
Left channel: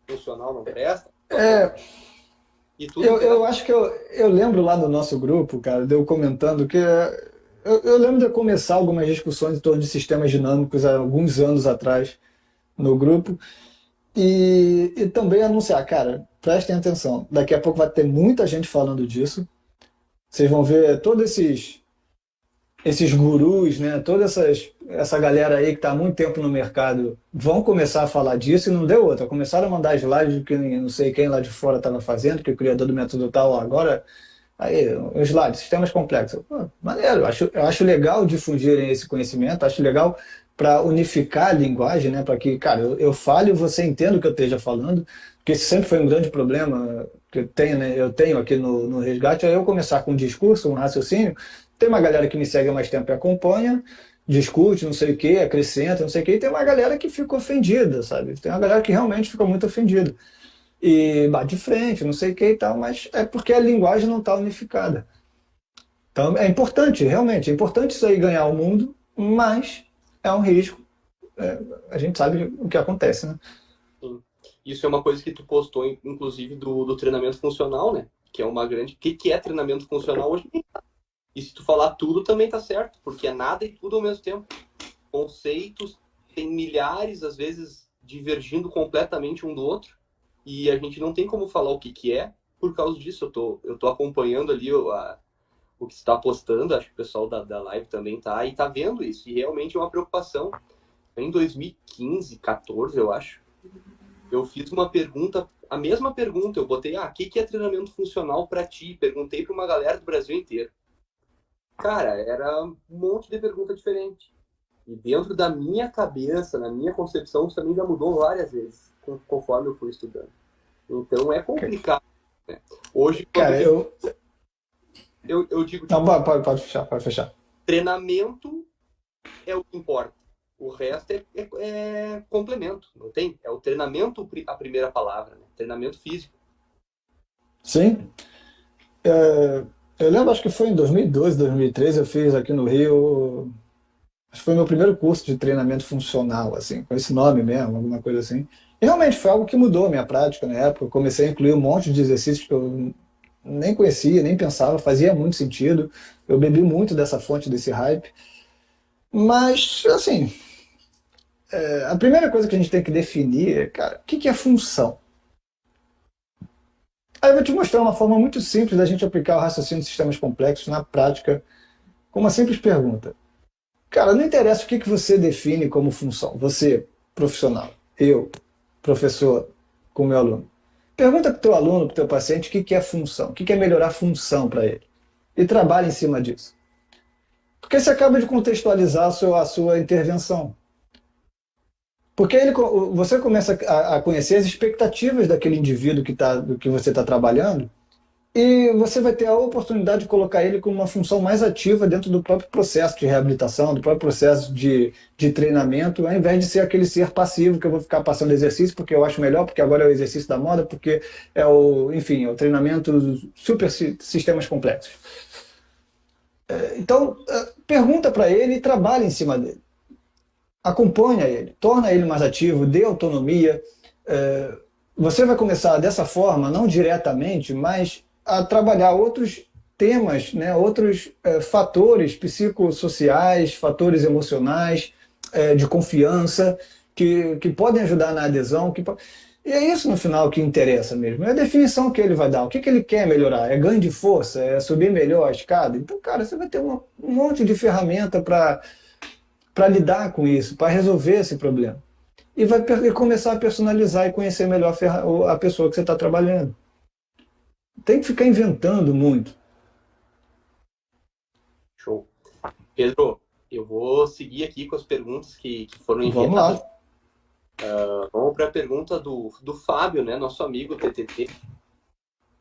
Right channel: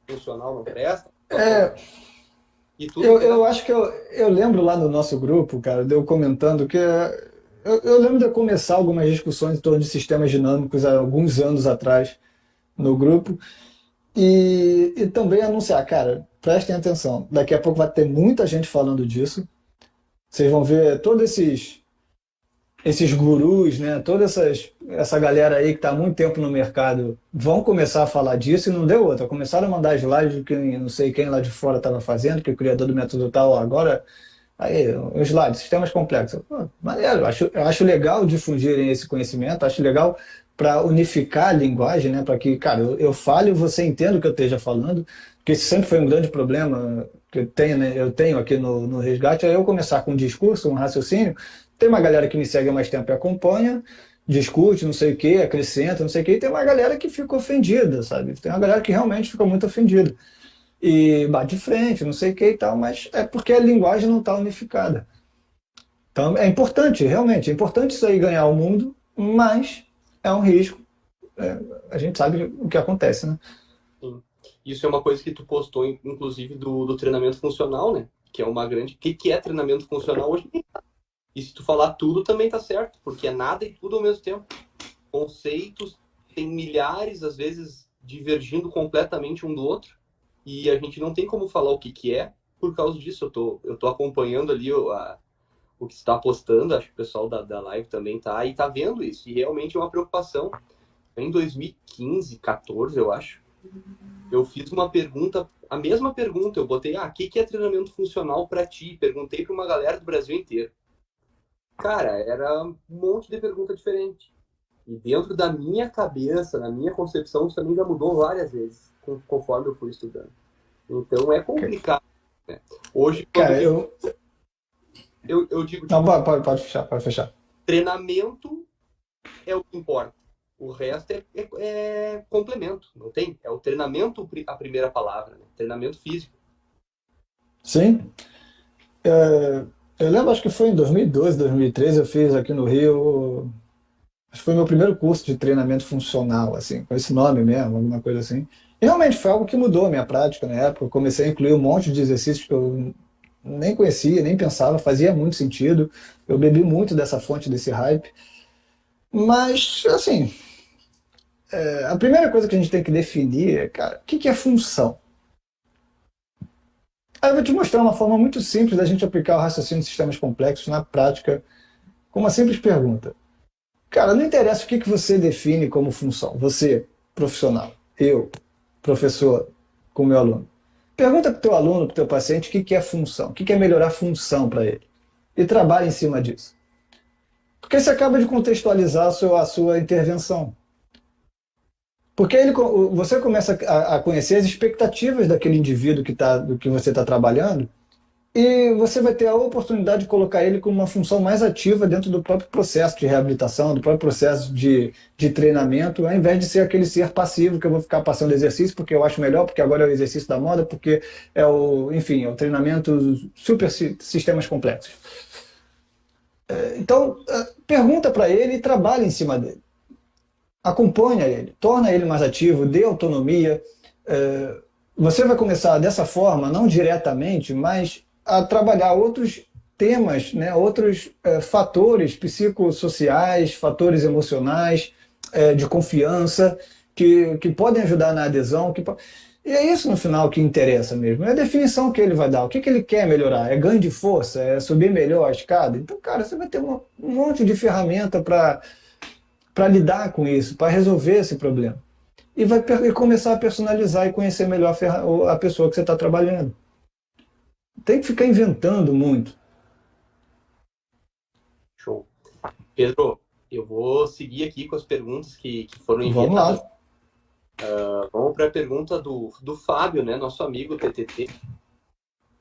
Funcional não presta. É, E tudo eu acho que eu lembro lá no nosso grupo, cara, de eu comentando que eu lembro de eu começar algumas discussões em torno de sistemas dinâmicos há alguns anos atrás no grupo e também anunciar, cara, prestem atenção, daqui a pouco vai ter muita gente falando disso, vocês vão ver todos esses gurus, né, essa galera aí que está há muito tempo no mercado vão começar a falar disso e não deu outra. Começaram a mandar slides do que não sei quem lá de fora estava fazendo, que o criador do método tal agora. Aí, os slides, sistemas complexos. Pô, maneiro, eu acho legal difundirem esse conhecimento, acho legal para unificar a linguagem, né, para que, cara, eu fale e você entenda o que eu esteja falando, porque esse sempre foi um grande problema que eu tenho, né, eu tenho aqui no Resgate, é eu começar com um discurso, um raciocínio. Tem uma galera que me segue há mais tempo e acompanha, discute, não sei o quê, acrescenta, não sei o quê, e tem uma galera que fica ofendida, sabe? Tem uma galera que realmente fica muito ofendida. E bate de frente, não sei o que e tal, mas é porque a linguagem não está unificada. Então é importante, realmente, é importante isso aí ganhar o mundo, mas é um risco. A gente sabe o que acontece, né? Sim. Isso é uma coisa que tu postou, inclusive, do treinamento funcional, né? Que é uma grande... O que é treinamento funcional hoje? E se tu falar tudo, também tá certo, porque é nada e tudo ao mesmo tempo. Conceitos tem milhares, às vezes, divergindo completamente um do outro, e a gente não tem como falar o que é por causa disso. Eu tô acompanhando ali o que você está postando, acho que o pessoal da live também tá, e tá vendo isso, e realmente é uma preocupação. Em 2015, 14, eu acho, eu fiz uma pergunta, a mesma pergunta, eu botei, o que é treinamento funcional para ti? Perguntei para uma galera do Brasil inteiro. Cara, era um monte de pergunta diferente. E dentro da minha cabeça, na minha concepção, isso também já mudou várias vezes, conforme eu fui estudando. Então é complicado, né? Hoje, quando Cara, eu digo, não, tipo, pode fechar. treinamento é o que importa. O resto é complemento, não tem? É o treinamento a primeira palavra, né? Treinamento físico. Sim. Eu lembro, acho que foi em 2012, 2013, eu fiz aqui no Rio. Acho que foi meu primeiro curso de treinamento funcional, assim, com esse nome mesmo, alguma coisa assim. E realmente foi algo que mudou a minha prática na época. Eu comecei a incluir um monte de exercícios que eu nem conhecia, nem pensava, fazia muito sentido. Eu bebi muito dessa fonte, desse hype. Mas, assim, a primeira coisa que a gente tem que definir é, cara, o que é função? Aí eu vou te mostrar uma forma muito simples da gente aplicar o raciocínio de sistemas complexos na prática, com uma simples pergunta. Cara, não interessa o que você define como função. Você, profissional, eu, professor, com meu aluno. Pergunta para o teu aluno, para o teu paciente, o que é função, o que é melhorar a função para ele. E trabalha em cima disso. Porque você acaba de contextualizar a sua intervenção. Porque você começa a conhecer as expectativas daquele indivíduo do que você está trabalhando, e você vai ter a oportunidade de colocar ele com uma função mais ativa dentro do próprio processo de reabilitação, do próprio processo de treinamento, ao invés de ser aquele ser passivo que eu vou ficar passando exercício porque eu acho melhor, porque agora é o exercício da moda, porque enfim, é o treinamento super sistemas complexos. Então, pergunta para ele e trabalha em cima dele. Acompanha ele, torna ele mais ativo, dê autonomia. Você vai começar dessa forma, não diretamente, mas a trabalhar outros temas, né, outros fatores psicossociais, fatores emocionais, de confiança, que podem ajudar na adesão. E é isso no final que interessa mesmo. É a definição que ele vai dar. O que ele quer melhorar? É ganho de força? É subir melhor a escada? Então, cara, você vai ter um monte de ferramenta para lidar com isso, para resolver esse problema. E vai começar a personalizar e conhecer melhor a pessoa que você está trabalhando. Tem que ficar inventando muito. Show. Pedro, eu vou seguir aqui com as perguntas que foram Vamos enviadas. lá. Vamos para a pergunta do Fábio, né? Nosso amigo TTT.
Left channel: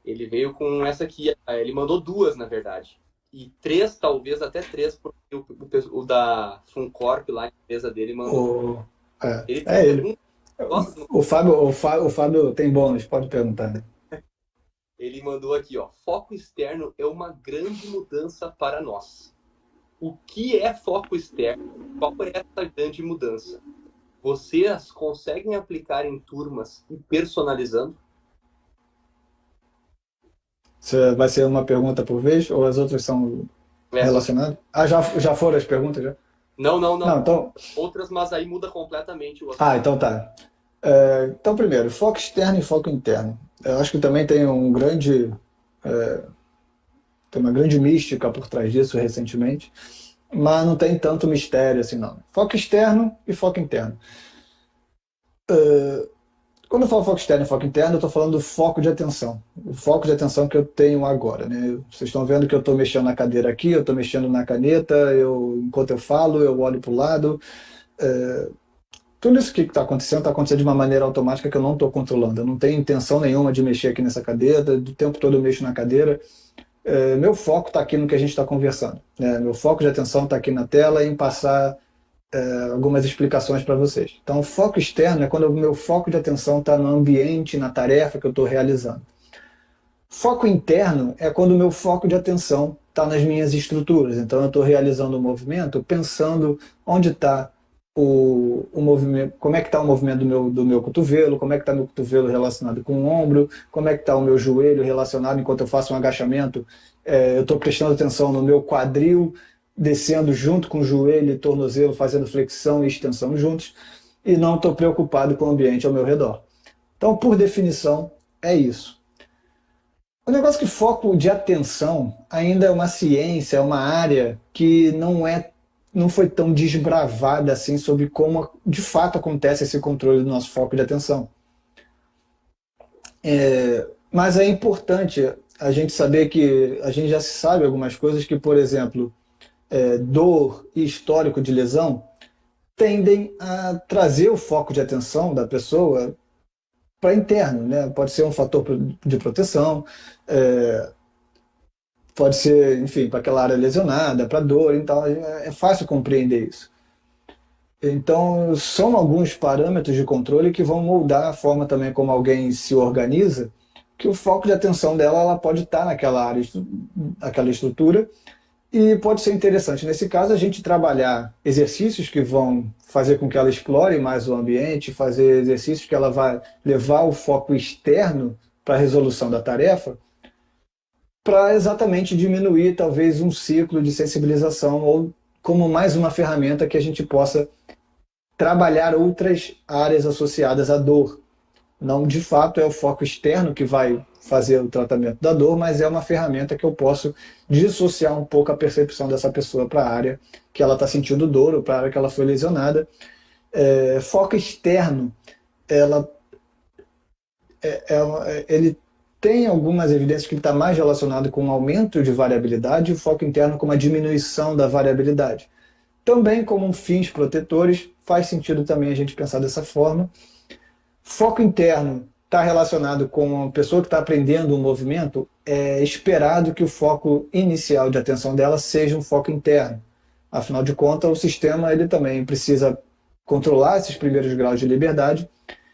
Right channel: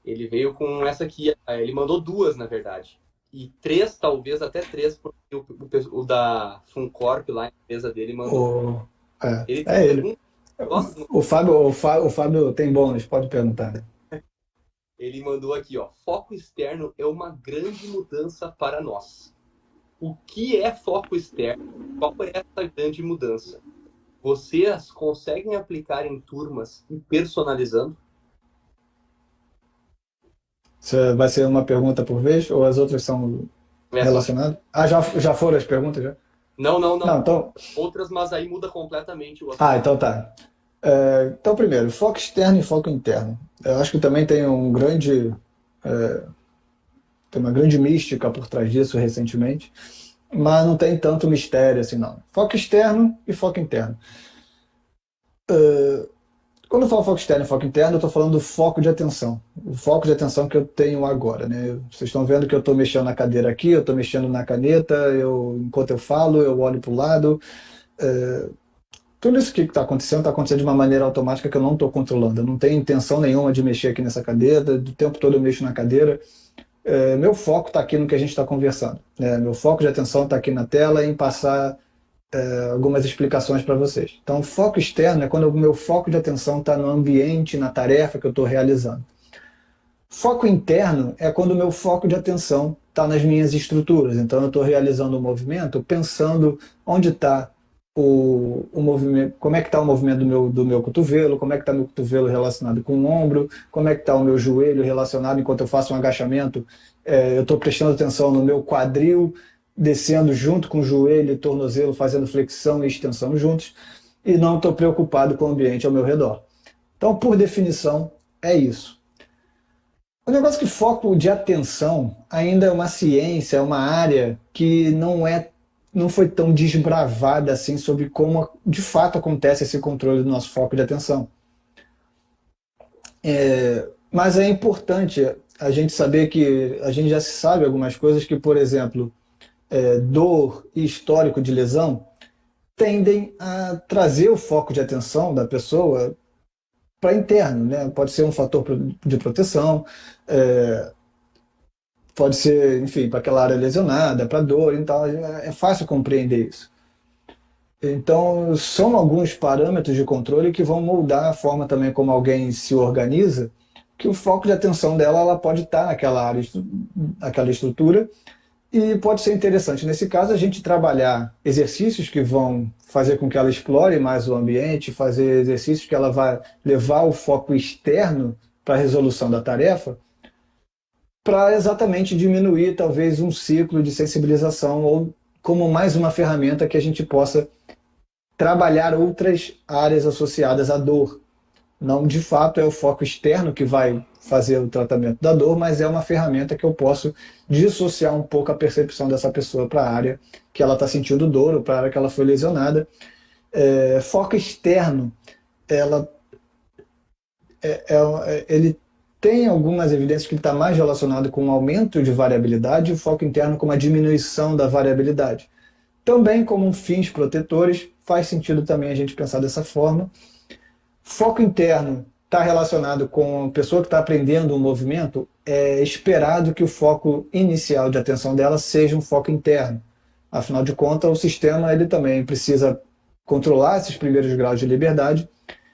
Ele veio com essa aqui. Ele mandou duas, na verdade. E três, talvez até três, porque o da Funcorp lá, a empresa dele, mandou. Ele ele. pergunta. O Fábio tem bônus, pode perguntar. Né? Ele mandou aqui, ó. Foco externo é uma grande mudança para nós. O que é foco externo? Qual é essa grande mudança? Vocês conseguem aplicar em turmas e personalizando? Vai ser uma pergunta por vez ou as outras são relacionadas? Ah, já foram as perguntas? Já? Não. Não, então... Outras, mas aí muda completamente o assunto. Então tá. Então, primeiro, foco externo e foco interno. Eu acho que também tem tem uma grande mística por trás disso recentemente, mas não tem tanto mistério assim, não. Foco externo e foco interno. Quando eu falo foco externo e foco interno, eu estou falando do foco de atenção. O foco de atenção que eu tenho agora. Né? Vocês estão vendo que eu estou mexendo na cadeira aqui, eu estou mexendo na caneta, enquanto eu falo, eu olho para o lado. Tudo isso que está acontecendo de uma maneira automática que eu não estou controlando. Eu não tenho intenção nenhuma de mexer aqui nessa cadeira, do tempo todo eu mexo na cadeira. Meu foco está aqui no que a gente está conversando. Né? Meu foco de atenção está aqui na tela em passar algumas explicações para vocês. Então, o foco externo é quando o meu foco de atenção está no ambiente, na tarefa que eu estou realizando. Foco interno é quando o meu foco de atenção está nas minhas estruturas. Então, eu estou realizando um movimento pensando onde está o movimento, como é que está o movimento do meu cotovelo, como é que está meu cotovelo relacionado com o ombro, como é que está o meu joelho relacionado enquanto eu faço um agachamento. Eu estou prestando atenção no meu quadril, descendo junto com o joelho e tornozelo, fazendo flexão e extensão juntos, e não estou preocupado com o ambiente ao meu redor. Então, por definição, é isso. O negócio que foco de atenção ainda é uma ciência, é uma área que não foi tão desbravada assim sobre como de fato acontece esse controle do nosso foco de atenção. Mas é importante a gente saber que a gente já sabe algumas coisas que, por exemplo, dor e histórico de lesão tendem a trazer o foco de atenção da pessoa para interno, né? Pode ser um fator de proteção, pode ser, enfim, para aquela área lesionada, para dor, então é fácil compreender isso. Então, são alguns parâmetros de controle que vão moldar a forma também como alguém se organiza, que o foco de atenção dela ela pode estar naquela área, aquela estrutura. E pode ser interessante, nesse caso, a gente trabalhar exercícios que vão fazer com que ela explore mais o ambiente, fazer exercícios que ela vai levar o foco externo para a resolução da tarefa, para exatamente diminuir, talvez, um ciclo de sensibilização ou como mais uma ferramenta que a gente possa trabalhar outras áreas associadas à dor. Não, de fato, é o foco externo que vai fazer o tratamento da dor, mas é uma ferramenta que eu posso dissociar um pouco a percepção dessa pessoa para a área que ela está sentindo dor ou para a área que ela foi lesionada. Foco externo, ele tem algumas evidências que ele está mais relacionado com um aumento de variabilidade e o foco interno com uma diminuição da variabilidade. Também como fins protetores, faz sentido também a gente pensar dessa forma. Foco interno está relacionado com a pessoa que está aprendendo um movimento, é esperado que o foco inicial de atenção dela seja um foco interno. Afinal de contas, o sistema ele também precisa controlar esses primeiros graus de liberdade,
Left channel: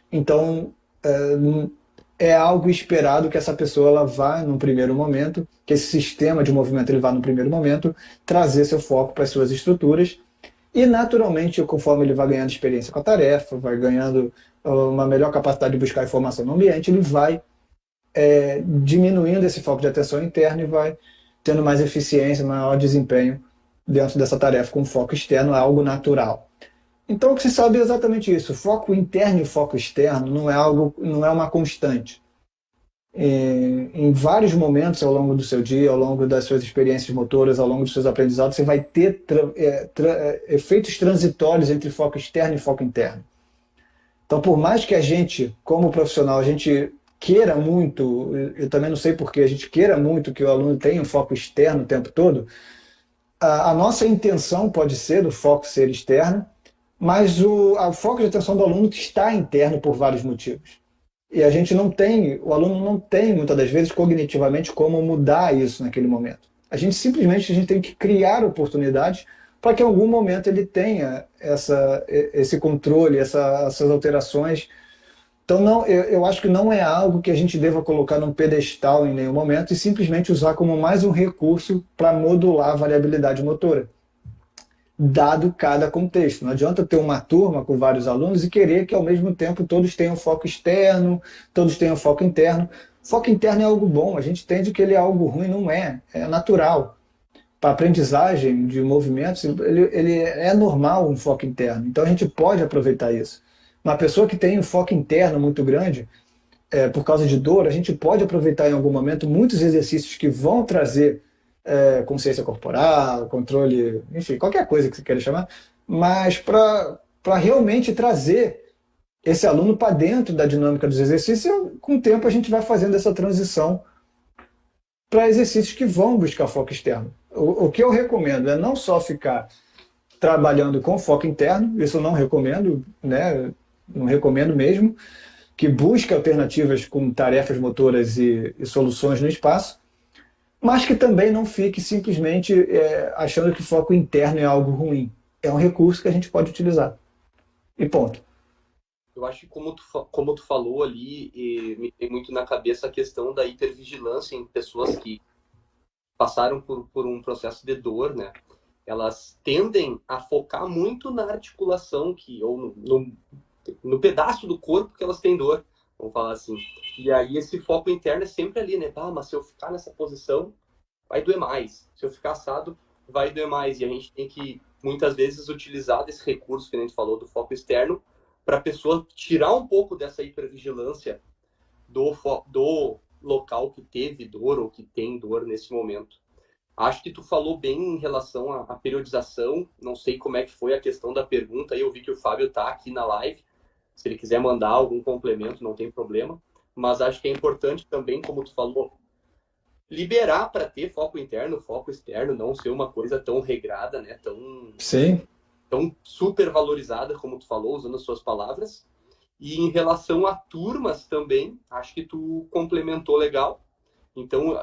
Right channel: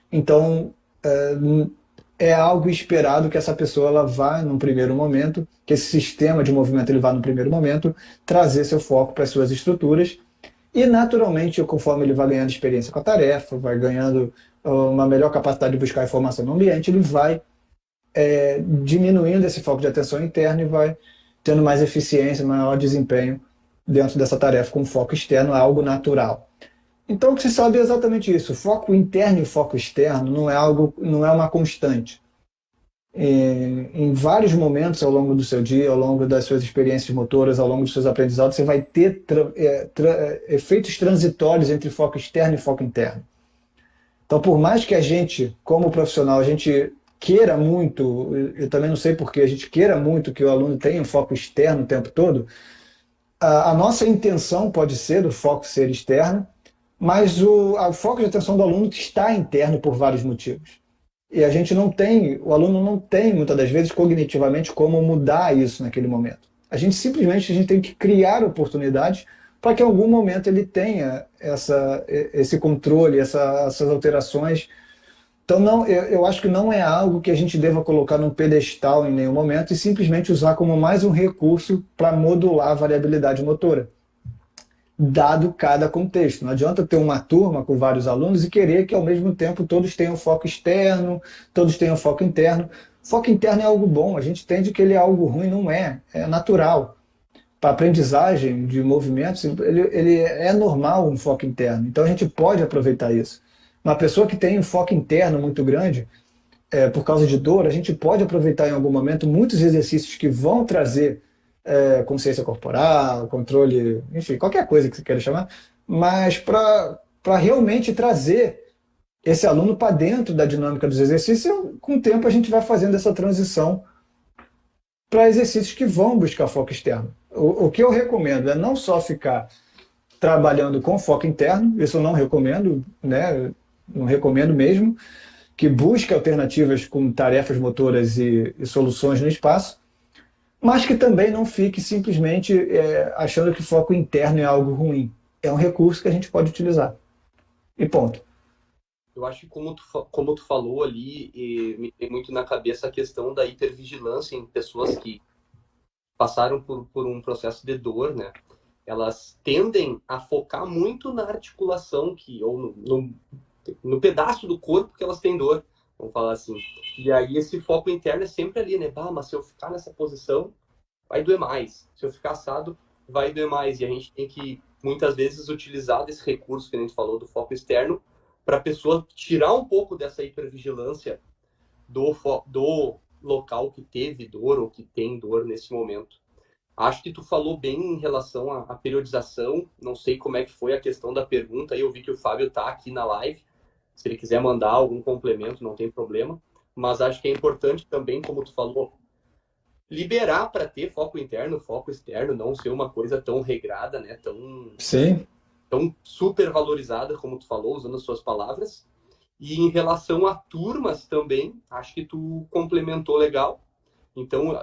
então é algo esperado que essa pessoa ela vá num primeiro momento, que esse sistema de movimento ele vá no primeiro momento, trazer seu foco para as suas estruturas e naturalmente, conforme ele vai ganhando experiência com a tarefa, vai ganhando uma melhor capacidade de buscar informação no ambiente, ele vai diminuindo esse foco de atenção interno e vai tendo mais eficiência, maior desempenho dentro dessa tarefa com foco externo, é algo natural. Então, o que se sabe é exatamente isso. O foco interno e o foco externo não é algo, não é uma constante. Em vários momentos ao longo do seu dia, ao longo das suas experiências motoras, ao longo dos seus aprendizados, você vai ter efeitos transitórios entre foco externo e foco interno. Então, por mais que a gente, como profissional, a gente queira muito, eu também não sei porquê, a gente queira muito que o aluno tenha um foco externo o tempo todo, a nossa intenção pode ser do foco ser externo, mas o foco de atenção do aluno está interno por vários motivos. E a gente não tem, o aluno não tem, muitas das vezes, cognitivamente, como mudar isso naquele momento. A gente tem que criar oportunidades para que em algum momento ele tenha esse controle, essas alterações. Então, não, eu acho que não é algo que a gente deva colocar num pedestal em nenhum momento e simplesmente usar como mais um recurso para modular a variabilidade motora, dado cada contexto. Não adianta ter uma turma com vários alunos e querer que, ao mesmo tempo, todos tenham foco externo, todos tenham foco interno. Foco interno é algo bom, a gente entende que ele é algo ruim, não é, é natural. Para aprendizagem de movimentos, ele é normal um foco interno, então a gente pode aproveitar isso. Uma pessoa que tem um foco interno muito grande, por causa de dor, a gente pode aproveitar em algum momento muitos exercícios que vão trazer consciência corporal, controle, enfim, qualquer coisa que você queira chamar, mas para realmente trazer esse aluno para dentro da dinâmica dos exercícios, com o tempo a gente vai fazendo essa transição para exercícios que vão buscar foco externo. O que eu recomendo é não só ficar trabalhando com foco interno, isso eu não recomendo, né? Não recomendo mesmo, que busque alternativas com tarefas motoras e soluções no espaço, mas que também não fique simplesmente achando que foco interno é algo ruim. É um recurso que a gente pode utilizar. E ponto. Eu acho que como tu falou ali, me tem muito na cabeça a questão da hipervigilância em pessoas que passaram por um processo de dor, né? Elas tendem a focar muito na articulação ou no pedaço do corpo que elas têm dor, vamos falar assim. E aí esse foco interno é sempre ali, né? Ah, mas se eu ficar nessa posição, vai doer mais. Se eu ficar assado, vai doer mais. E a gente tem que, muitas vezes, utilizar desse recurso que a gente falou do foco externo para a pessoa tirar um pouco dessa hipervigilância do local que teve dor ou que tem dor nesse momento. Acho que tu falou bem em relação à periodização. Não sei como é que foi a questão da pergunta. Eu vi que o Fábio está aqui na live. Se ele quiser mandar algum complemento, não tem problema. Mas acho que é importante também, como tu falou, liberar para ter foco interno, foco externo, não ser uma coisa tão regrada, né? Sim. Tão super valorizada, como tu falou, usando as suas palavras. E em relação a turmas também, acho que tu complementou legal. Então,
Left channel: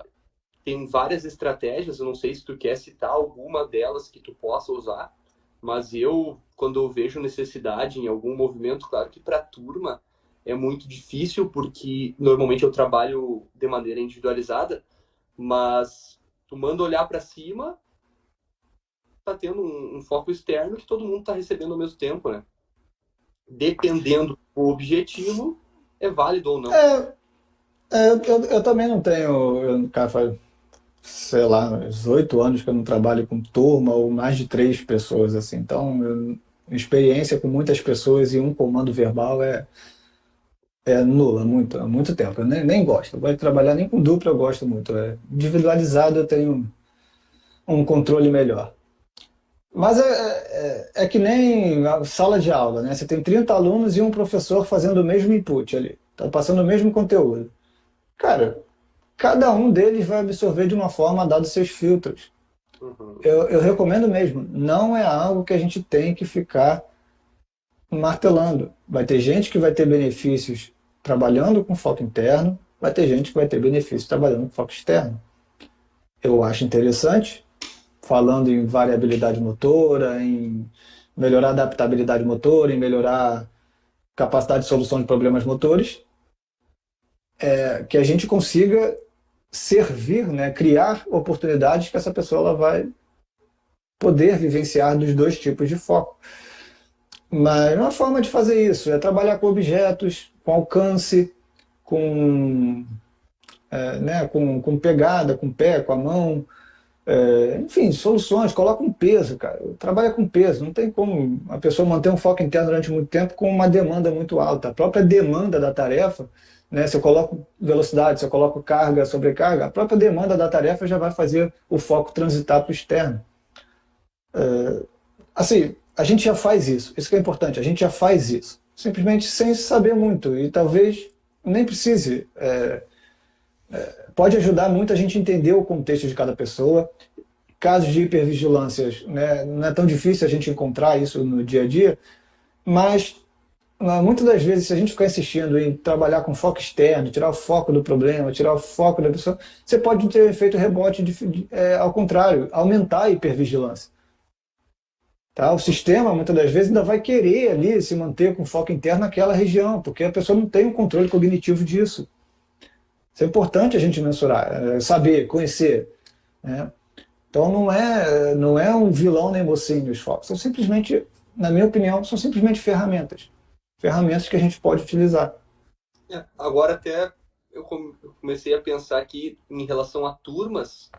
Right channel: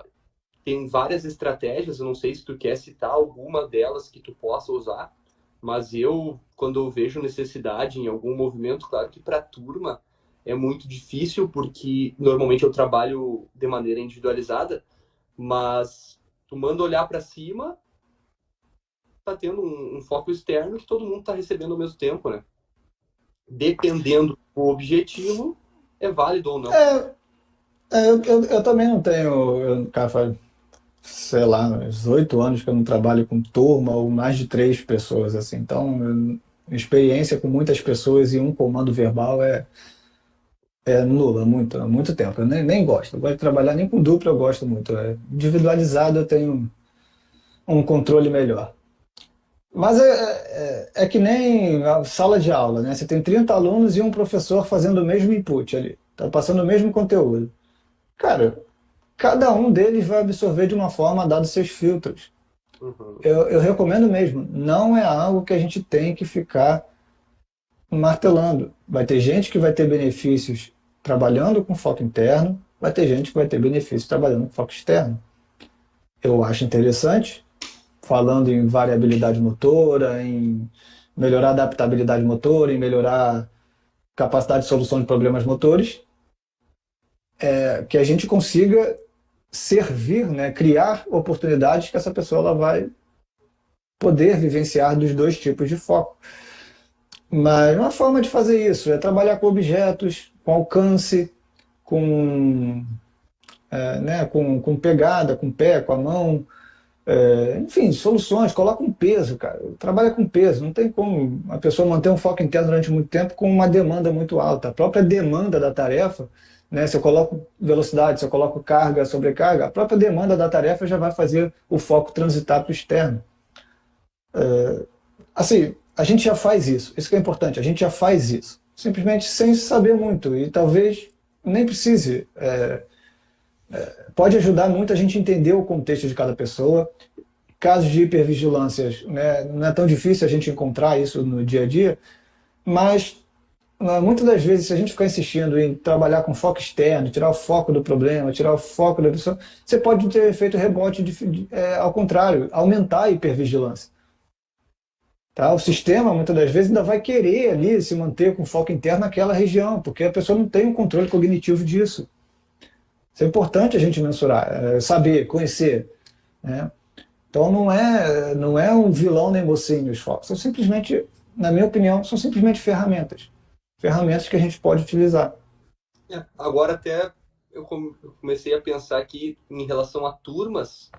tem várias estratégias, eu não sei se tu quer citar alguma delas que tu possa usar, mas quando eu vejo necessidade em algum movimento, claro que para turma é muito difícil, porque normalmente eu trabalho de maneira individualizada, mas tu manda olhar para cima, tá tendo um foco externo que todo mundo está recebendo ao mesmo tempo, né? Dependendo do objetivo, é válido ou não. Eu também não tenho, cara, faz, sei lá, uns 8 anos que eu não trabalho com turma ou mais de 3 pessoas, assim. Então, experiência com muitas pessoas e um comando verbal é nula, há muito tempo. Eu nem gosto. Eu gosto de trabalhar nem com dupla, eu gosto muito. Individualizado eu tenho um controle melhor. Mas é que nem a sala de aula, né? Você tem 30 alunos e um professor fazendo o mesmo input ali, tá passando o mesmo conteúdo. Cara, cada um deles vai absorver de uma forma, dado seus filtros. Uhum. Eu recomendo mesmo, não é algo que a gente tem que ficar martelando. Vai ter gente que vai ter benefícios trabalhando com foco interno, vai ter gente que vai ter benefícios trabalhando com foco externo. Eu acho interessante, falando em variabilidade motora, em melhorar a adaptabilidade motora, em melhorar capacidade de solução de problemas motores, que a gente consiga servir, né, criar oportunidades que essa pessoa ela vai poder vivenciar dos dois tipos de foco. Mas uma forma de fazer isso é trabalhar com objetos, com alcance, com, né, com pegada, com pé, com a mão, enfim, soluções, coloca um peso, cara. trabalha com peso. Não tem como a pessoa manter um foco interno durante muito tempo com uma demanda muito alta. A própria demanda da tarefa, né, se eu coloco velocidade, se eu coloco carga, sobrecarga, a própria demanda da tarefa já vai fazer o foco transitar para o externo. Assim, a gente já faz isso. Isso que é importante, a gente já faz isso. Simplesmente sem saber muito. E talvez nem precise. Pode ajudar muito a gente entender o contexto de cada pessoa. Casos de hipervigilâncias, né, não é tão difícil a gente encontrar isso no dia a dia, mas muitas das vezes, se a gente ficar insistindo em trabalhar com foco externo, tirar o foco do problema, tirar o foco da pessoa, você pode ter efeito rebote ao contrário, aumentar a hipervigilância. Tá? O sistema, muitas das vezes, ainda vai querer ali se manter com foco interno naquela região, porque a pessoa não tem um controle cognitivo disso. Isso é importante a gente mensurar, saber, conhecer, né? Então não é um vilão nem mocinho os focos. São simplesmente, na minha opinião, são simplesmente ferramentas. Ferramentas que a gente pode utilizar. Agora até eu comecei a pensar aqui em relação a turmas.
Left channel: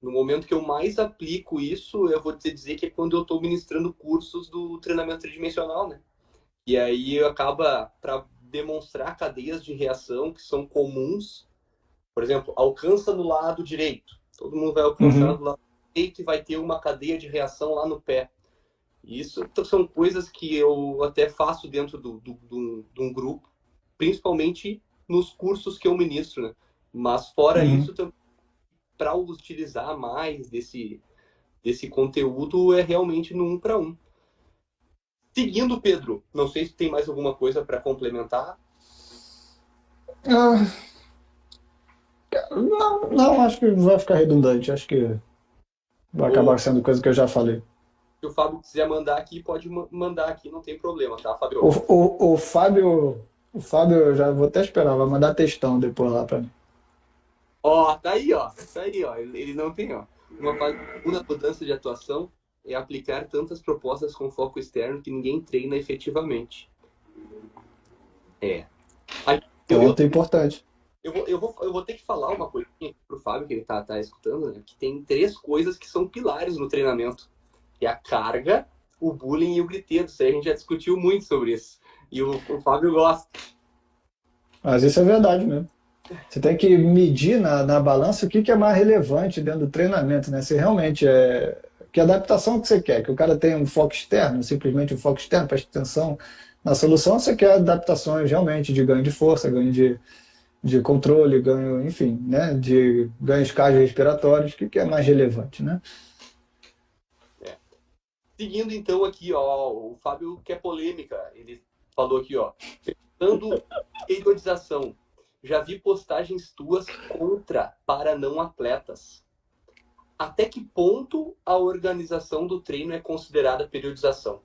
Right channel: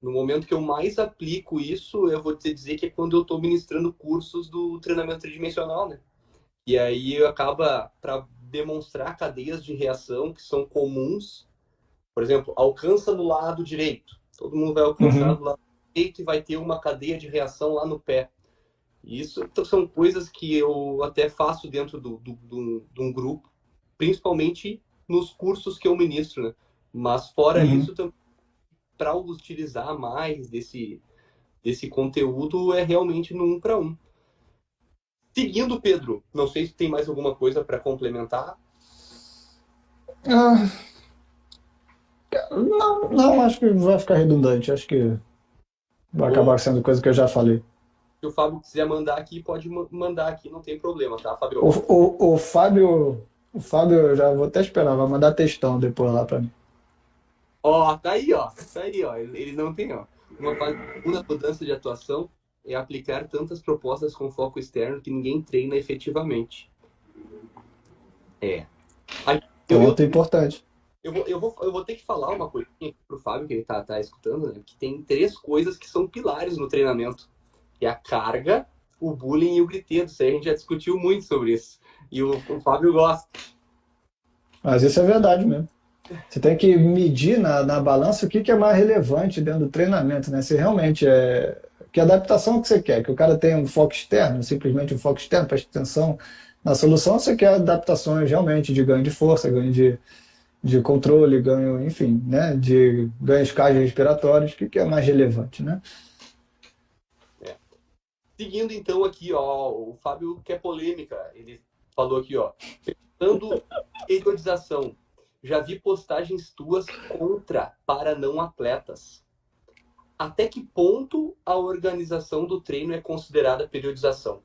No momento que eu mais aplico isso, eu vou te dizer que é quando eu estou ministrando cursos do treinamento tridimensional, né? E aí acaba para demonstrar cadeias de reação que são comuns. Por exemplo, alcança no lado direito. Todo mundo vai alcançar do lado direito e vai ter uma cadeia de reação lá no pé. Isso são coisas que eu até faço dentro de um grupo, principalmente nos cursos que eu ministro, né? Mas fora isso, para utilizar mais desse conteúdo é realmente no 1 para 1. Seguindo, Pedro, não sei se tem mais alguma coisa para complementar. Não, acho que vai ficar redundante. Acho que vai acabar sendo coisa que eu já falei. Se o Fábio quiser mandar aqui, pode mandar aqui, não tem problema, tá, Fábio? O Fábio, eu já vou até esperar, vai mandar textão depois lá para mim. Tá aí, ó. Ele não tem, ó. Uma mudança de atuação é aplicar tantas propostas com foco externo que ninguém treina efetivamente. Ponto importante. Eu vou ter que falar uma coisinha pro Fábio, que ele tá escutando, né? Que tem 3 coisas que são pilares no treinamento. Que é a carga, o bullying e o griteiro. Isso aí a gente já discutiu muito sobre isso. E o Fábio gosta. Mas isso é verdade mesmo. Você tem que medir na balança o que é mais relevante dentro do treinamento, né? Se realmente que adaptação que você quer, que o cara tenha um foco externo, simplesmente um foco externo, preste atenção na solução, você quer adaptações realmente de ganho de força, ganho de controle, ganho, enfim, né? De ganhos cardiorrespiratórios, o que é mais relevante, né? Seguindo então aqui, ó, o Fábio quer polêmica. Ele falou aqui, ó, pensando periodização. Já vi postagens tuas contra para não atletas. Até que ponto a organização do treino é considerada periodização?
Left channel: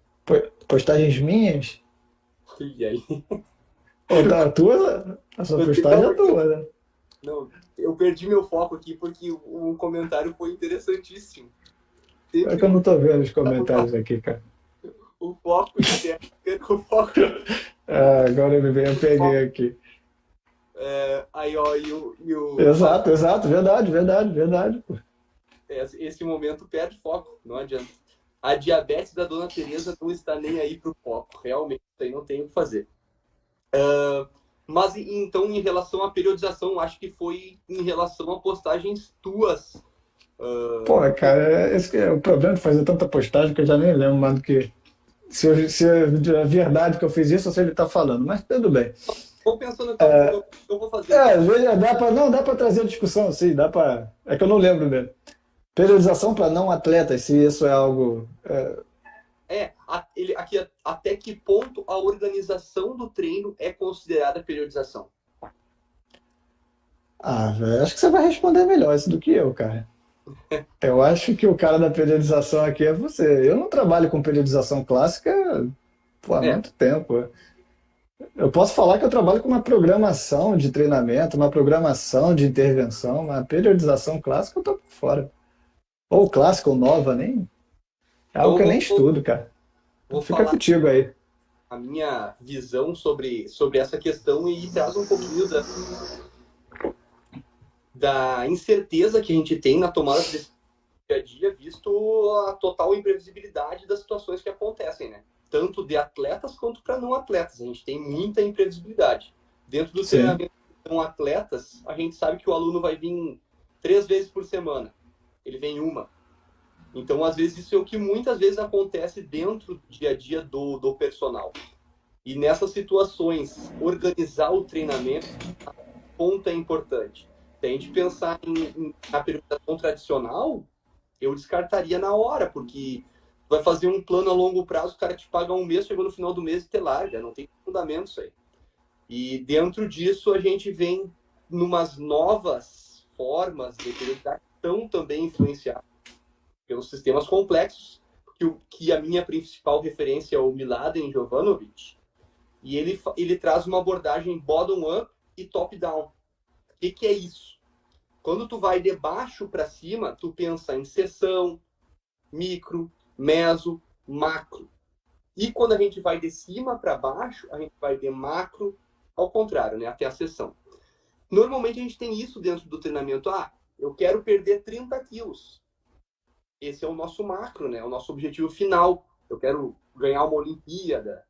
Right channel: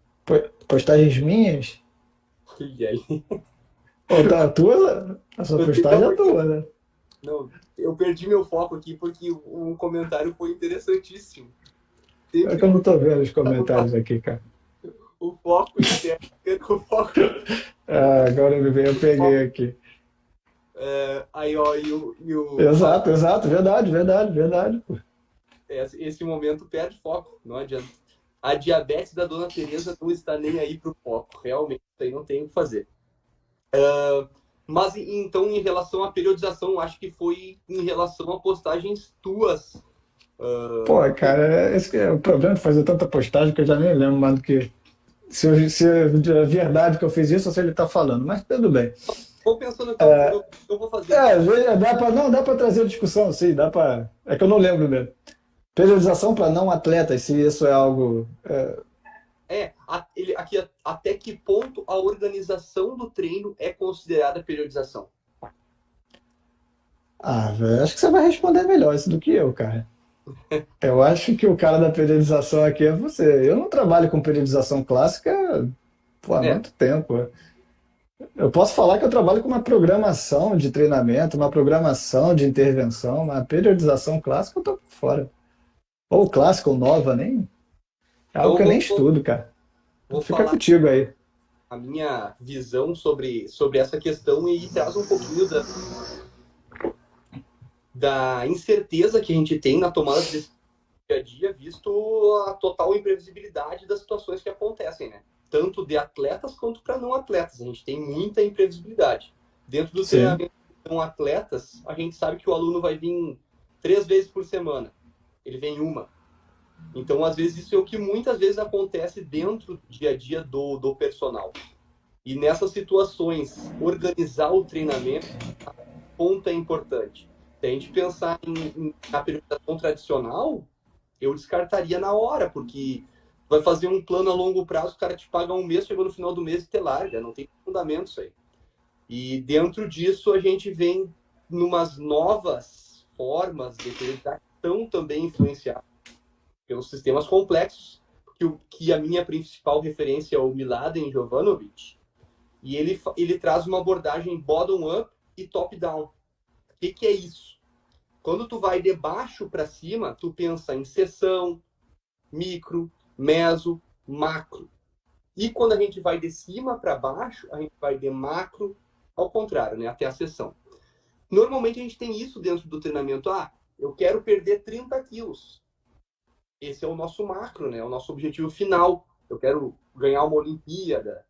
Postagens minhas? E aí? A sua postagem é tua, né? Não, eu perdi meu foco aqui porque o comentário foi interessantíssimo. É que eu não tô vendo os comentários aqui, cara. O foco externo, o foco... Agora eu peguei aqui. Aí, ó, Exato, verdade. Pô. Esse momento perde foco, não adianta. A diabetes da Dona Teresa não está nem aí pro foco, realmente, isso aí não tem o que fazer. Mas, então, em relação à periodização, acho que foi em relação a postagens tuas. Pô, cara, esse é o problema de fazer tanta postagem que eu já nem lembro mais do que... Se é verdade que eu fiz isso ou se ele tá falando, mas tudo bem. Vou pensando que eu vou fazer. Dá para trazer a discussão, sim, dá para. É que eu não lembro dele. Periodização para não atletas, se isso é algo. Aqui, até que ponto a organização do treino é considerada periodização? Velho, acho que você vai responder melhor isso do que eu, cara. Eu acho que o cara da periodização aqui é você. Eu não trabalho com periodização clássica há muito tempo. Eu posso falar que eu trabalho com uma programação de treinamento, uma programação de intervenção, uma periodização clássica eu tô por fora. Ou clássica ou nova, nem. É algo que eu nem estudo, cara. Fica contigo aí. A minha visão sobre essa questão e traz um pouquinho da incerteza que a gente tem na tomada de decisão dia a dia, visto a total imprevisibilidade das situações que acontecem, né? Tanto de atletas quanto para não atletas. A gente tem muita imprevisibilidade. Dentro do Sim. treinamento com atletas, a gente sabe que o aluno vai vir 3 vezes por semana. Ele vem uma. Então, às vezes, isso é o que muitas vezes acontece dentro do dia a dia do personal. E nessas situações, organizar o treinamento, a ponta é importante. Se a gente pensar na periodização tradicional, eu descartaria na hora, porque vai fazer um plano a longo prazo, o cara te paga um mês, chegou no final do mês e te larga, não tem fundamento isso aí. E dentro disso a gente vem numas novas formas de periodização também influenciadas pelos sistemas complexos, que a minha principal referência é o Miladen Jovanovic, e ele traz uma abordagem bottom-up e top-down. O que é isso? Quando tu vai de baixo para cima, tu pensa em seção, micro, meso, macro. E quando a gente vai de cima para baixo, a gente vai de macro ao contrário, né? Até a seção. Normalmente a gente tem isso dentro do treinamento. Eu quero perder 30 quilos. Esse é o nosso macro, né? O nosso objetivo final. Eu quero ganhar uma Olimpíada.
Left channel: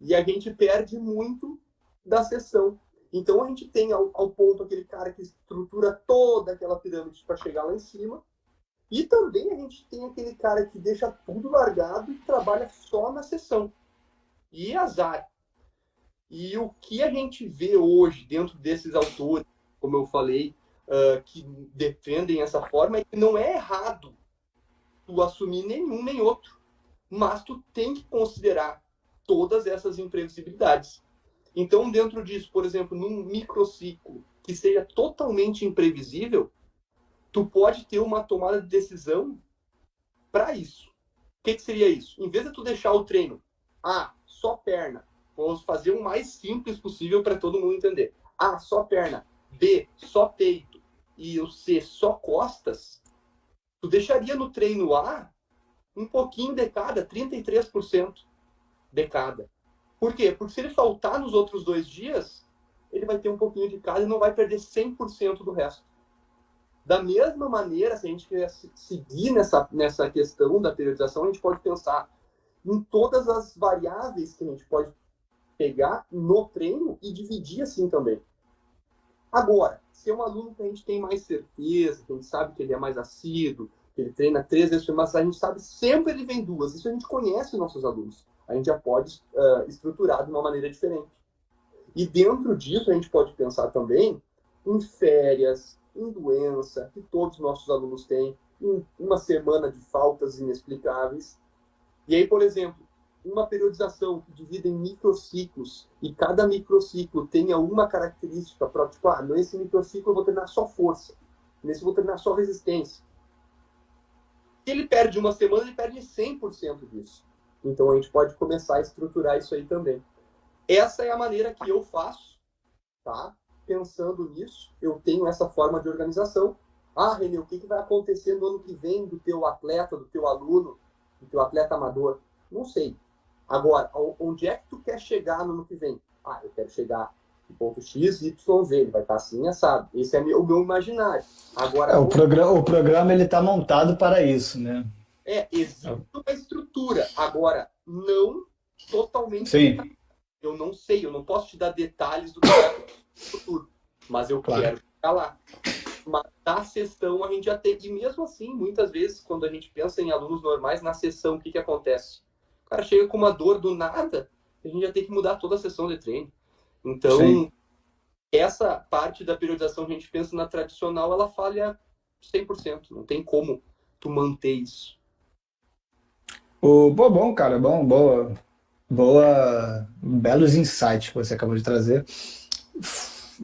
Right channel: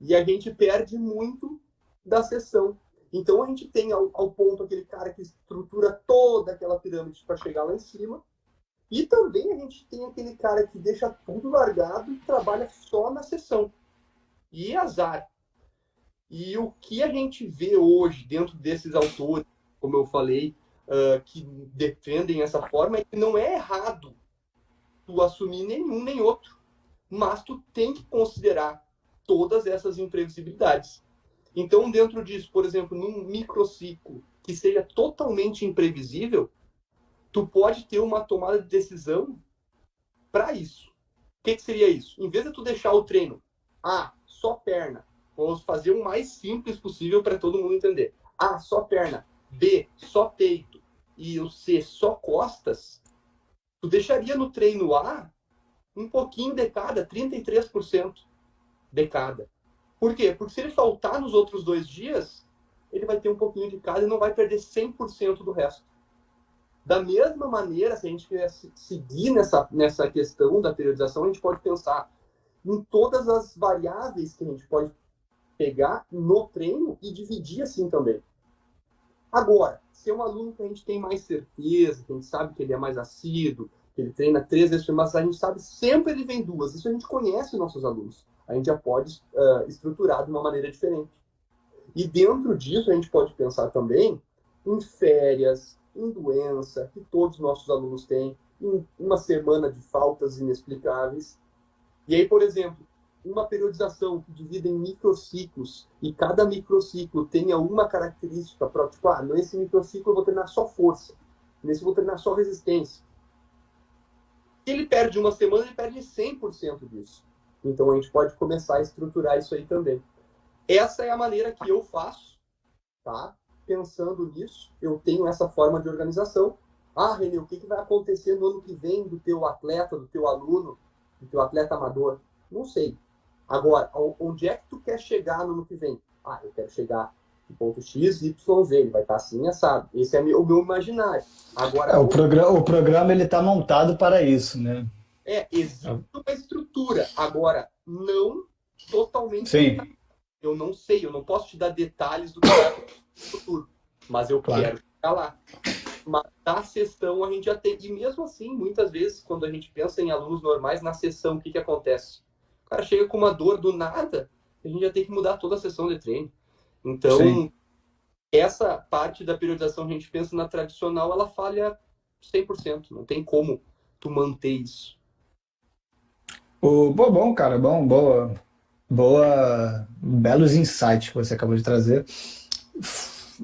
E a gente perde muito da seção. Então a gente tem ao ponto aquele cara que estrutura toda aquela pirâmide para chegar lá em cima. E também a gente tem aquele cara que deixa tudo largado e trabalha só na sessão. E azar. E o que a gente vê hoje dentro desses autores, como eu falei, que defendem essa forma, é que não é errado tu assumir nenhum nem outro. Mas tu tem que considerar todas essas imprevisibilidades. Então, dentro disso, por exemplo, num microciclo que seja totalmente imprevisível, tu pode ter uma tomada de decisão para isso. O que seria isso? Em vez de tu deixar o treino, só perna, vamos fazer o mais simples possível para todo mundo entender. Só perna, B, só peito e o C, só costas, tu deixaria no treino A um pouquinho de cada, 33% de cada. Por quê? Porque se ele faltar nos outros 2 dias, ele vai ter um pouquinho de cada e não vai perder 100% do resto. Da mesma maneira, se a gente quer seguir nessa questão da periodização, a gente pode pensar em todas as variáveis que a gente pode pegar no treino e dividir assim também. Agora, se é um aluno que a gente tem mais certeza, que a gente sabe que ele é mais assíduo, que ele treina 3 vezes por semana, a gente sabe sempre ele vem 2. Isso a gente conhece os nossos alunos. A gente já pode estruturar de uma maneira diferente. E dentro disso, a gente pode pensar também em férias, em doença, que todos os nossos alunos têm, em uma semana de faltas inexplicáveis. E aí, por exemplo, uma periodização que divide em microciclos, e cada microciclo tenha uma característica própria, tipo, nesse microciclo eu vou treinar só força, nesse eu vou treinar só resistência. Se ele perde uma semana, ele perde 100% disso. Então a gente pode começar a estruturar isso aí também. Essa é a maneira que eu faço, tá? Pensando nisso, eu tenho essa forma de organização. Renê, o que vai acontecer no ano que vem do teu atleta, do teu aluno, do teu atleta amador? Não sei. Agora, onde é que tu quer chegar no ano que vem? Eu quero chegar no ponto X, Y, Z. Ele vai estar assim, assado. Esse é o meu imaginário. Agora, o programa ele está montado para isso, né? Existe uma estrutura. Agora, não totalmente. Sim. Eu não sei, eu não posso te dar detalhes do que vai acontecer no futuro. Mas eu quero chegar lá. Mas na sessão a gente já tem. E mesmo assim, muitas vezes, quando a gente pensa em alunos normais, na sessão, o que acontece? O cara chega com uma dor do nada, a gente já tem que mudar toda a sessão de treino. Então, sim, essa parte da periodização, a gente pensa na tradicional, ela falha 100%. Não tem como tu manter isso. Bom, cara, belos insights que você acabou de trazer.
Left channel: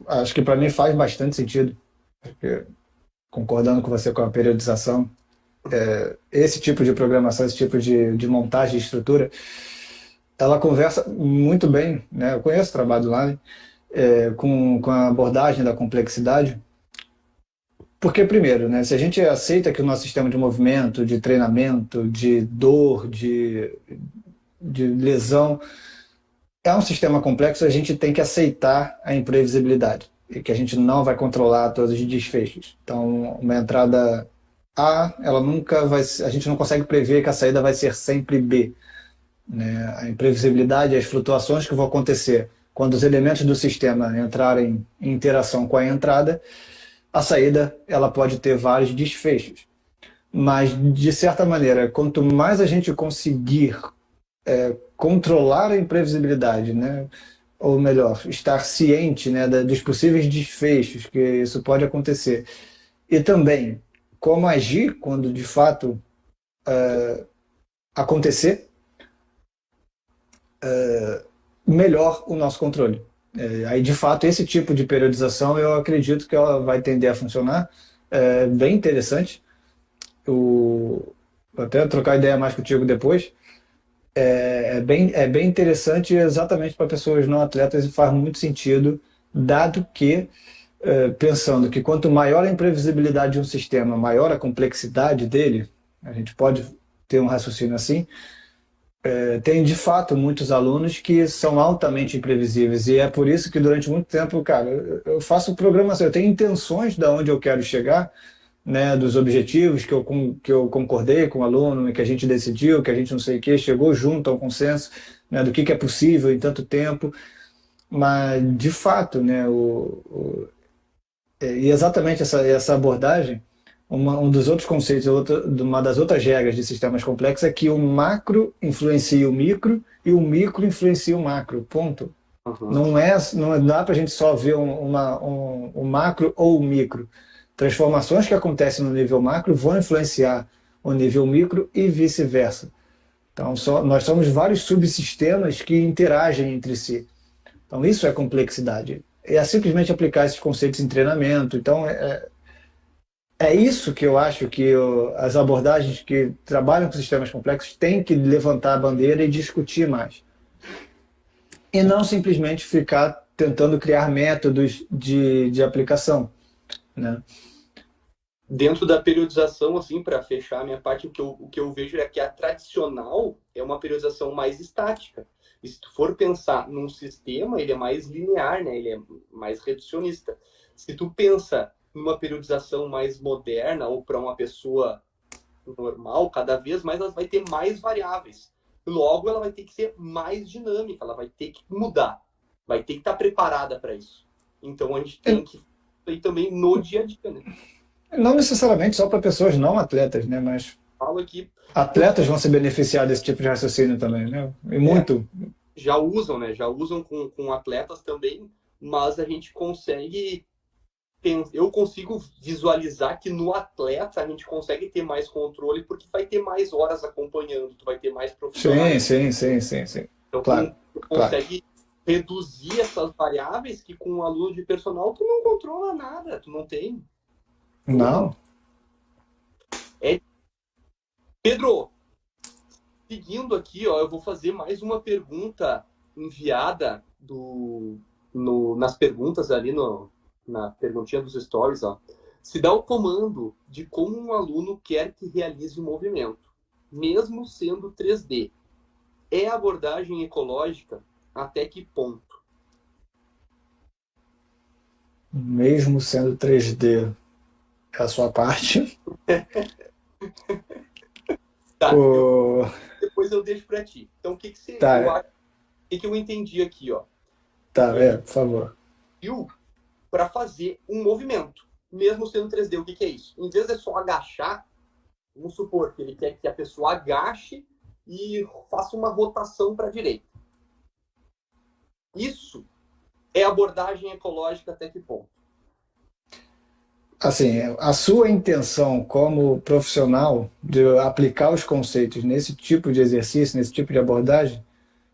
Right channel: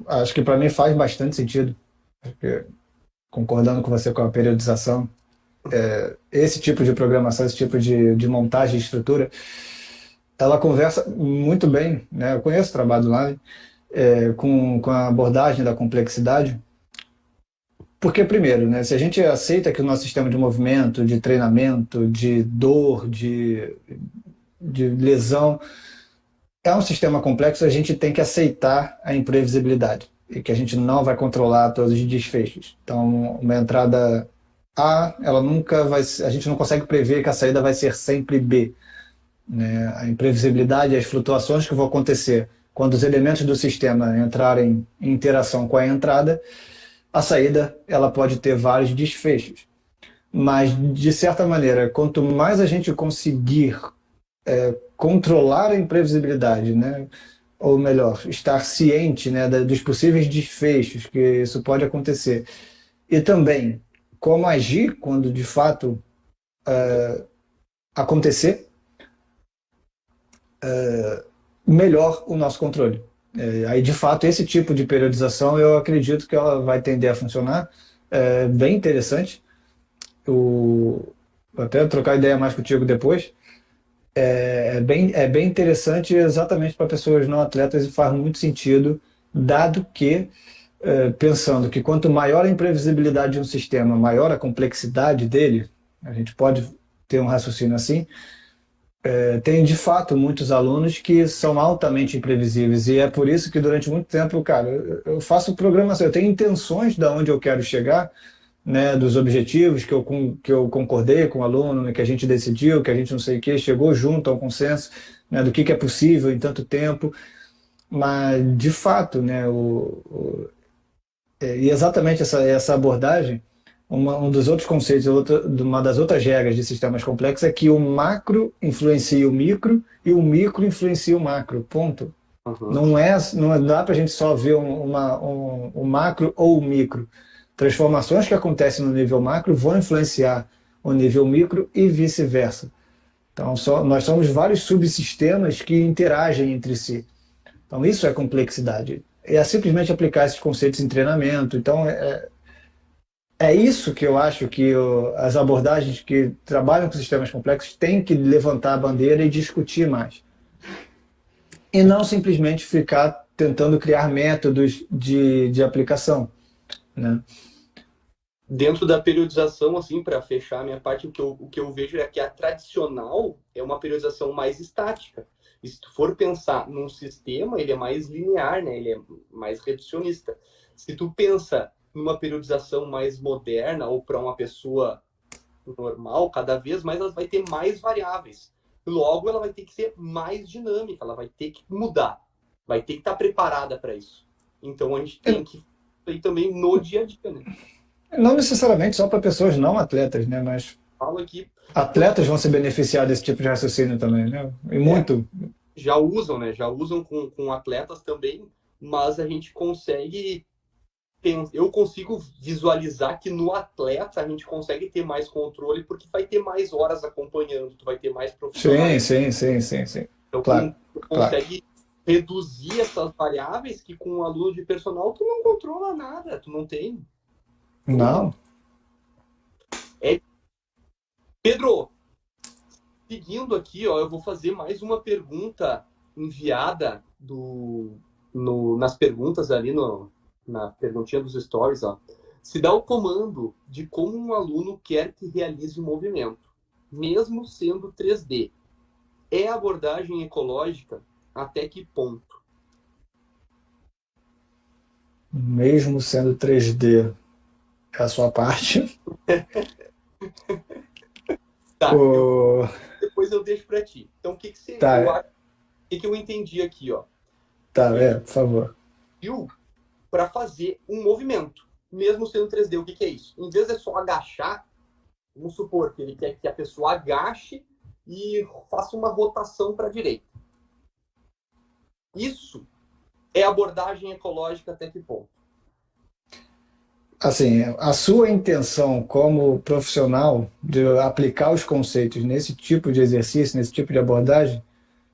Acho que para mim faz bastante sentido, porque, concordando com você com a periodização, esse tipo de programação, esse tipo de montagem de estrutura, ela conversa muito bem, né? Eu conheço o trabalho do Lane, com a abordagem da complexidade. Porque, primeiro, né, se a gente aceita que o nosso sistema de movimento, de treinamento, de dor, de lesão, é um sistema complexo, a gente tem que aceitar a imprevisibilidade e que a gente não vai controlar todos os desfechos. Então, uma entrada A, ela nunca vai, a gente não consegue prever que a saída vai ser sempre B, né? A imprevisibilidade, as flutuações que vão acontecer quando os elementos do sistema entrarem em interação com a entrada, a saída ela pode ter vários desfechos. Mas, de certa maneira, quanto mais a gente conseguir controlar a imprevisibilidade, né? Ou melhor, estar ciente, né, dos possíveis desfechos que isso pode acontecer, e também como agir quando de fato acontecer, melhor o nosso controle. Aí, de fato, esse tipo de periodização eu acredito que ela vai tender a funcionar. Bem interessante. Vou até trocar ideia mais contigo depois. É bem interessante exatamente para pessoas não atletas e faz muito sentido, dado que, pensando que quanto maior a imprevisibilidade de um sistema, maior a complexidade dele, a gente pode ter um raciocínio assim, tem de fato muitos alunos que são altamente imprevisíveis e é por isso que durante muito tempo, cara, eu faço programação, eu tenho intenções de onde eu quero chegar, né, dos objetivos que eu concordei com o aluno, que a gente decidiu, que a gente não sei o que, chegou junto a um consenso, né, do que é possível em tanto tempo, mas de fato, né, e exatamente essa abordagem, um dos outros conceitos, uma das outras regras de sistemas complexos é que o macro influencia o micro e o micro influencia o macro, ponto. Uhum. Não dá para a gente só ver o macro ou o micro. Transformações que acontecem no nível macro vão influenciar o nível micro e vice-versa. Então, nós somos vários subsistemas que interagem entre si. Então, isso é complexidade. É simplesmente aplicar esses conceitos em treinamento. Então, é isso que eu acho que as abordagens que trabalham com sistemas complexos têm que levantar a bandeira e discutir mais. E não simplesmente ficar tentando criar métodos de aplicação, né? Dentro da periodização, assim, para fechar a minha parte, o que eu vejo é que a tradicional é uma periodização mais estática. E se tu for pensar num sistema, ele é mais linear, né? Ele é mais reducionista. Se tu pensa numa periodização mais moderna ou para uma pessoa normal, cada vez mais ela vai ter mais variáveis. Logo, ela vai ter que ser mais dinâmica, ela vai ter que mudar, vai ter que estar preparada para isso. Então, a gente tem que ir também no dia a dia, né? Não necessariamente só para pessoas não atletas, né? Mas Falo aqui, atletas vão se beneficiar desse tipo de raciocínio também, né? E muito. já usam, né? Já usam com atletas também, mas a gente consegue, eu consigo visualizar que no atleta a gente consegue ter mais controle porque vai ter mais horas acompanhando, tu vai ter mais Sim, profissionais. sim. Então, Claro, tu claro. consegue reduzir essas variáveis que com um aluno de personal tu não controla nada, tu não tem. Não. É... Pedro, seguindo aqui, ó, eu vou fazer mais uma pergunta enviada nas perguntas ali, na perguntinha dos stories. Ó. Se dá o comando de como um aluno quer que realize o movimento, mesmo sendo 3D, é abordagem ecológica até que ponto? Mesmo sendo 3D, é a sua parte. Tá, O... depois eu deixo para ti. Então, o que, que você, eu Tá, acho, o que, que eu entendi aqui, ó? tá, Ele por favor. viu para fazer um movimento, mesmo sendo 3D. O que, que é isso? Em vez de só agachar, vamos supor que ele quer que a pessoa agache e faça uma rotação para a direita. Isso é abordagem ecológica até que ponto? Assim, a sua intenção como profissional de aplicar os conceitos nesse tipo de exercício, nesse tipo de abordagem,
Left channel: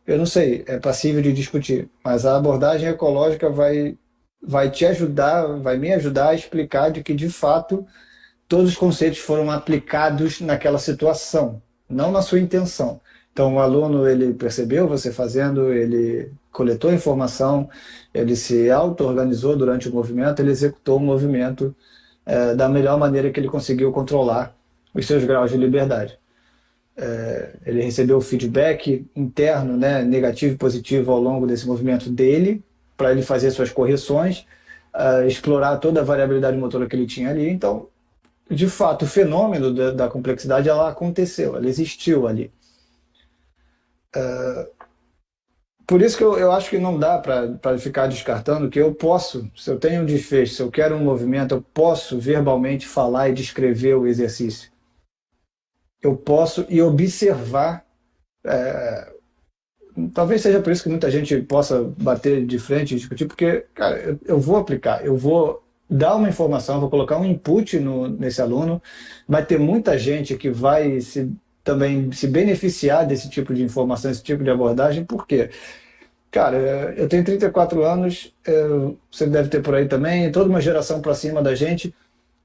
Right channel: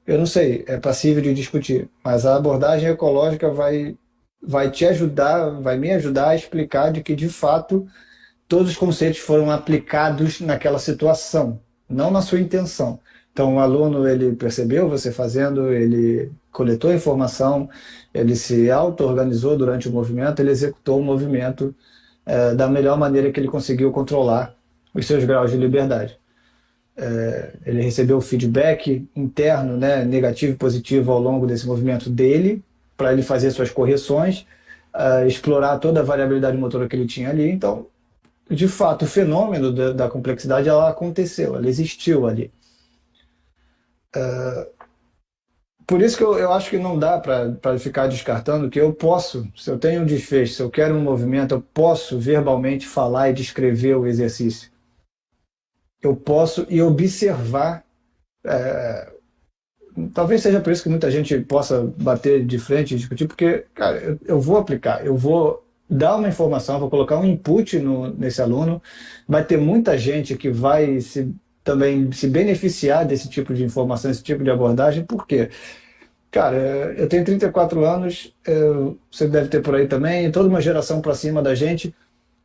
eu não sei, é passível de discutir, mas a abordagem ecológica vai te ajudar, vai me ajudar a explicar de que, de fato, todos os conceitos foram aplicados naquela situação, não na sua intenção. Então, o aluno, ele percebeu você fazendo, ele coletou informação, ele se auto-organizou durante o movimento, ele executou o movimento da melhor maneira que ele conseguiu controlar os seus graus de liberdade. Ele recebeu feedback interno, né, negativo e positivo ao longo desse movimento dele, para ele fazer suas correções, explorar toda a variabilidade motora que ele tinha ali. Então, de fato, o fenômeno da complexidade, ela aconteceu, ela existiu ali. Por isso que eu acho que não dá para ficar descartando que eu posso, se eu tenho um desfecho, se eu quero um movimento, eu posso verbalmente falar e descrever o exercício. Eu posso e observar. Talvez seja por isso que muita gente possa bater de frente e discutir, porque, cara, eu vou aplicar, eu vou dar uma informação, vou colocar um input nesse aluno, vai ter muita gente que vai também se beneficiar desse tipo de informação, desse tipo de abordagem, por quê? Cara, eu tenho 34 anos, você deve ter por aí também, toda uma geração para cima da gente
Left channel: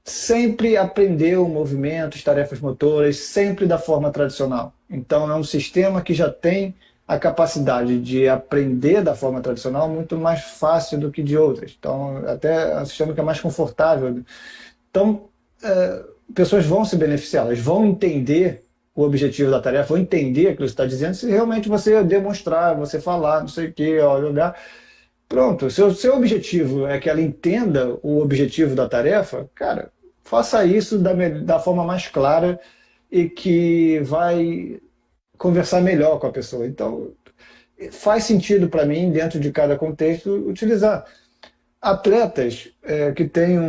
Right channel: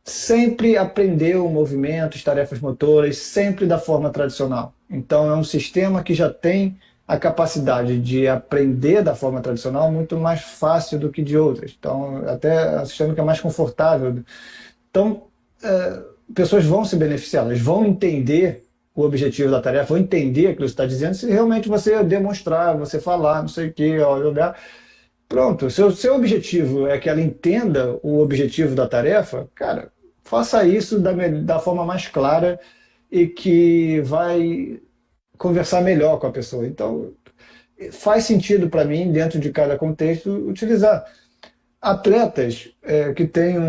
sempre aprendeu movimentos, tarefas motoras, sempre da forma tradicional. Então, é um sistema que já tem a capacidade de aprender da forma tradicional muito mais fácil do que de outras. Então, até é um sistema que é mais confortável. Então, pessoas vão se beneficiar, elas vão entender o objetivo da tarefa, vão entender aquilo que você está dizendo, se realmente você demonstrar, você falar, não sei o quê, olhar. Pronto, se o seu objetivo é que ela entenda o objetivo da tarefa, cara, faça isso da forma mais clara e que vai conversar melhor com a pessoa. Então, faz sentido para mim, dentro de cada contexto, utilizar atletas que têm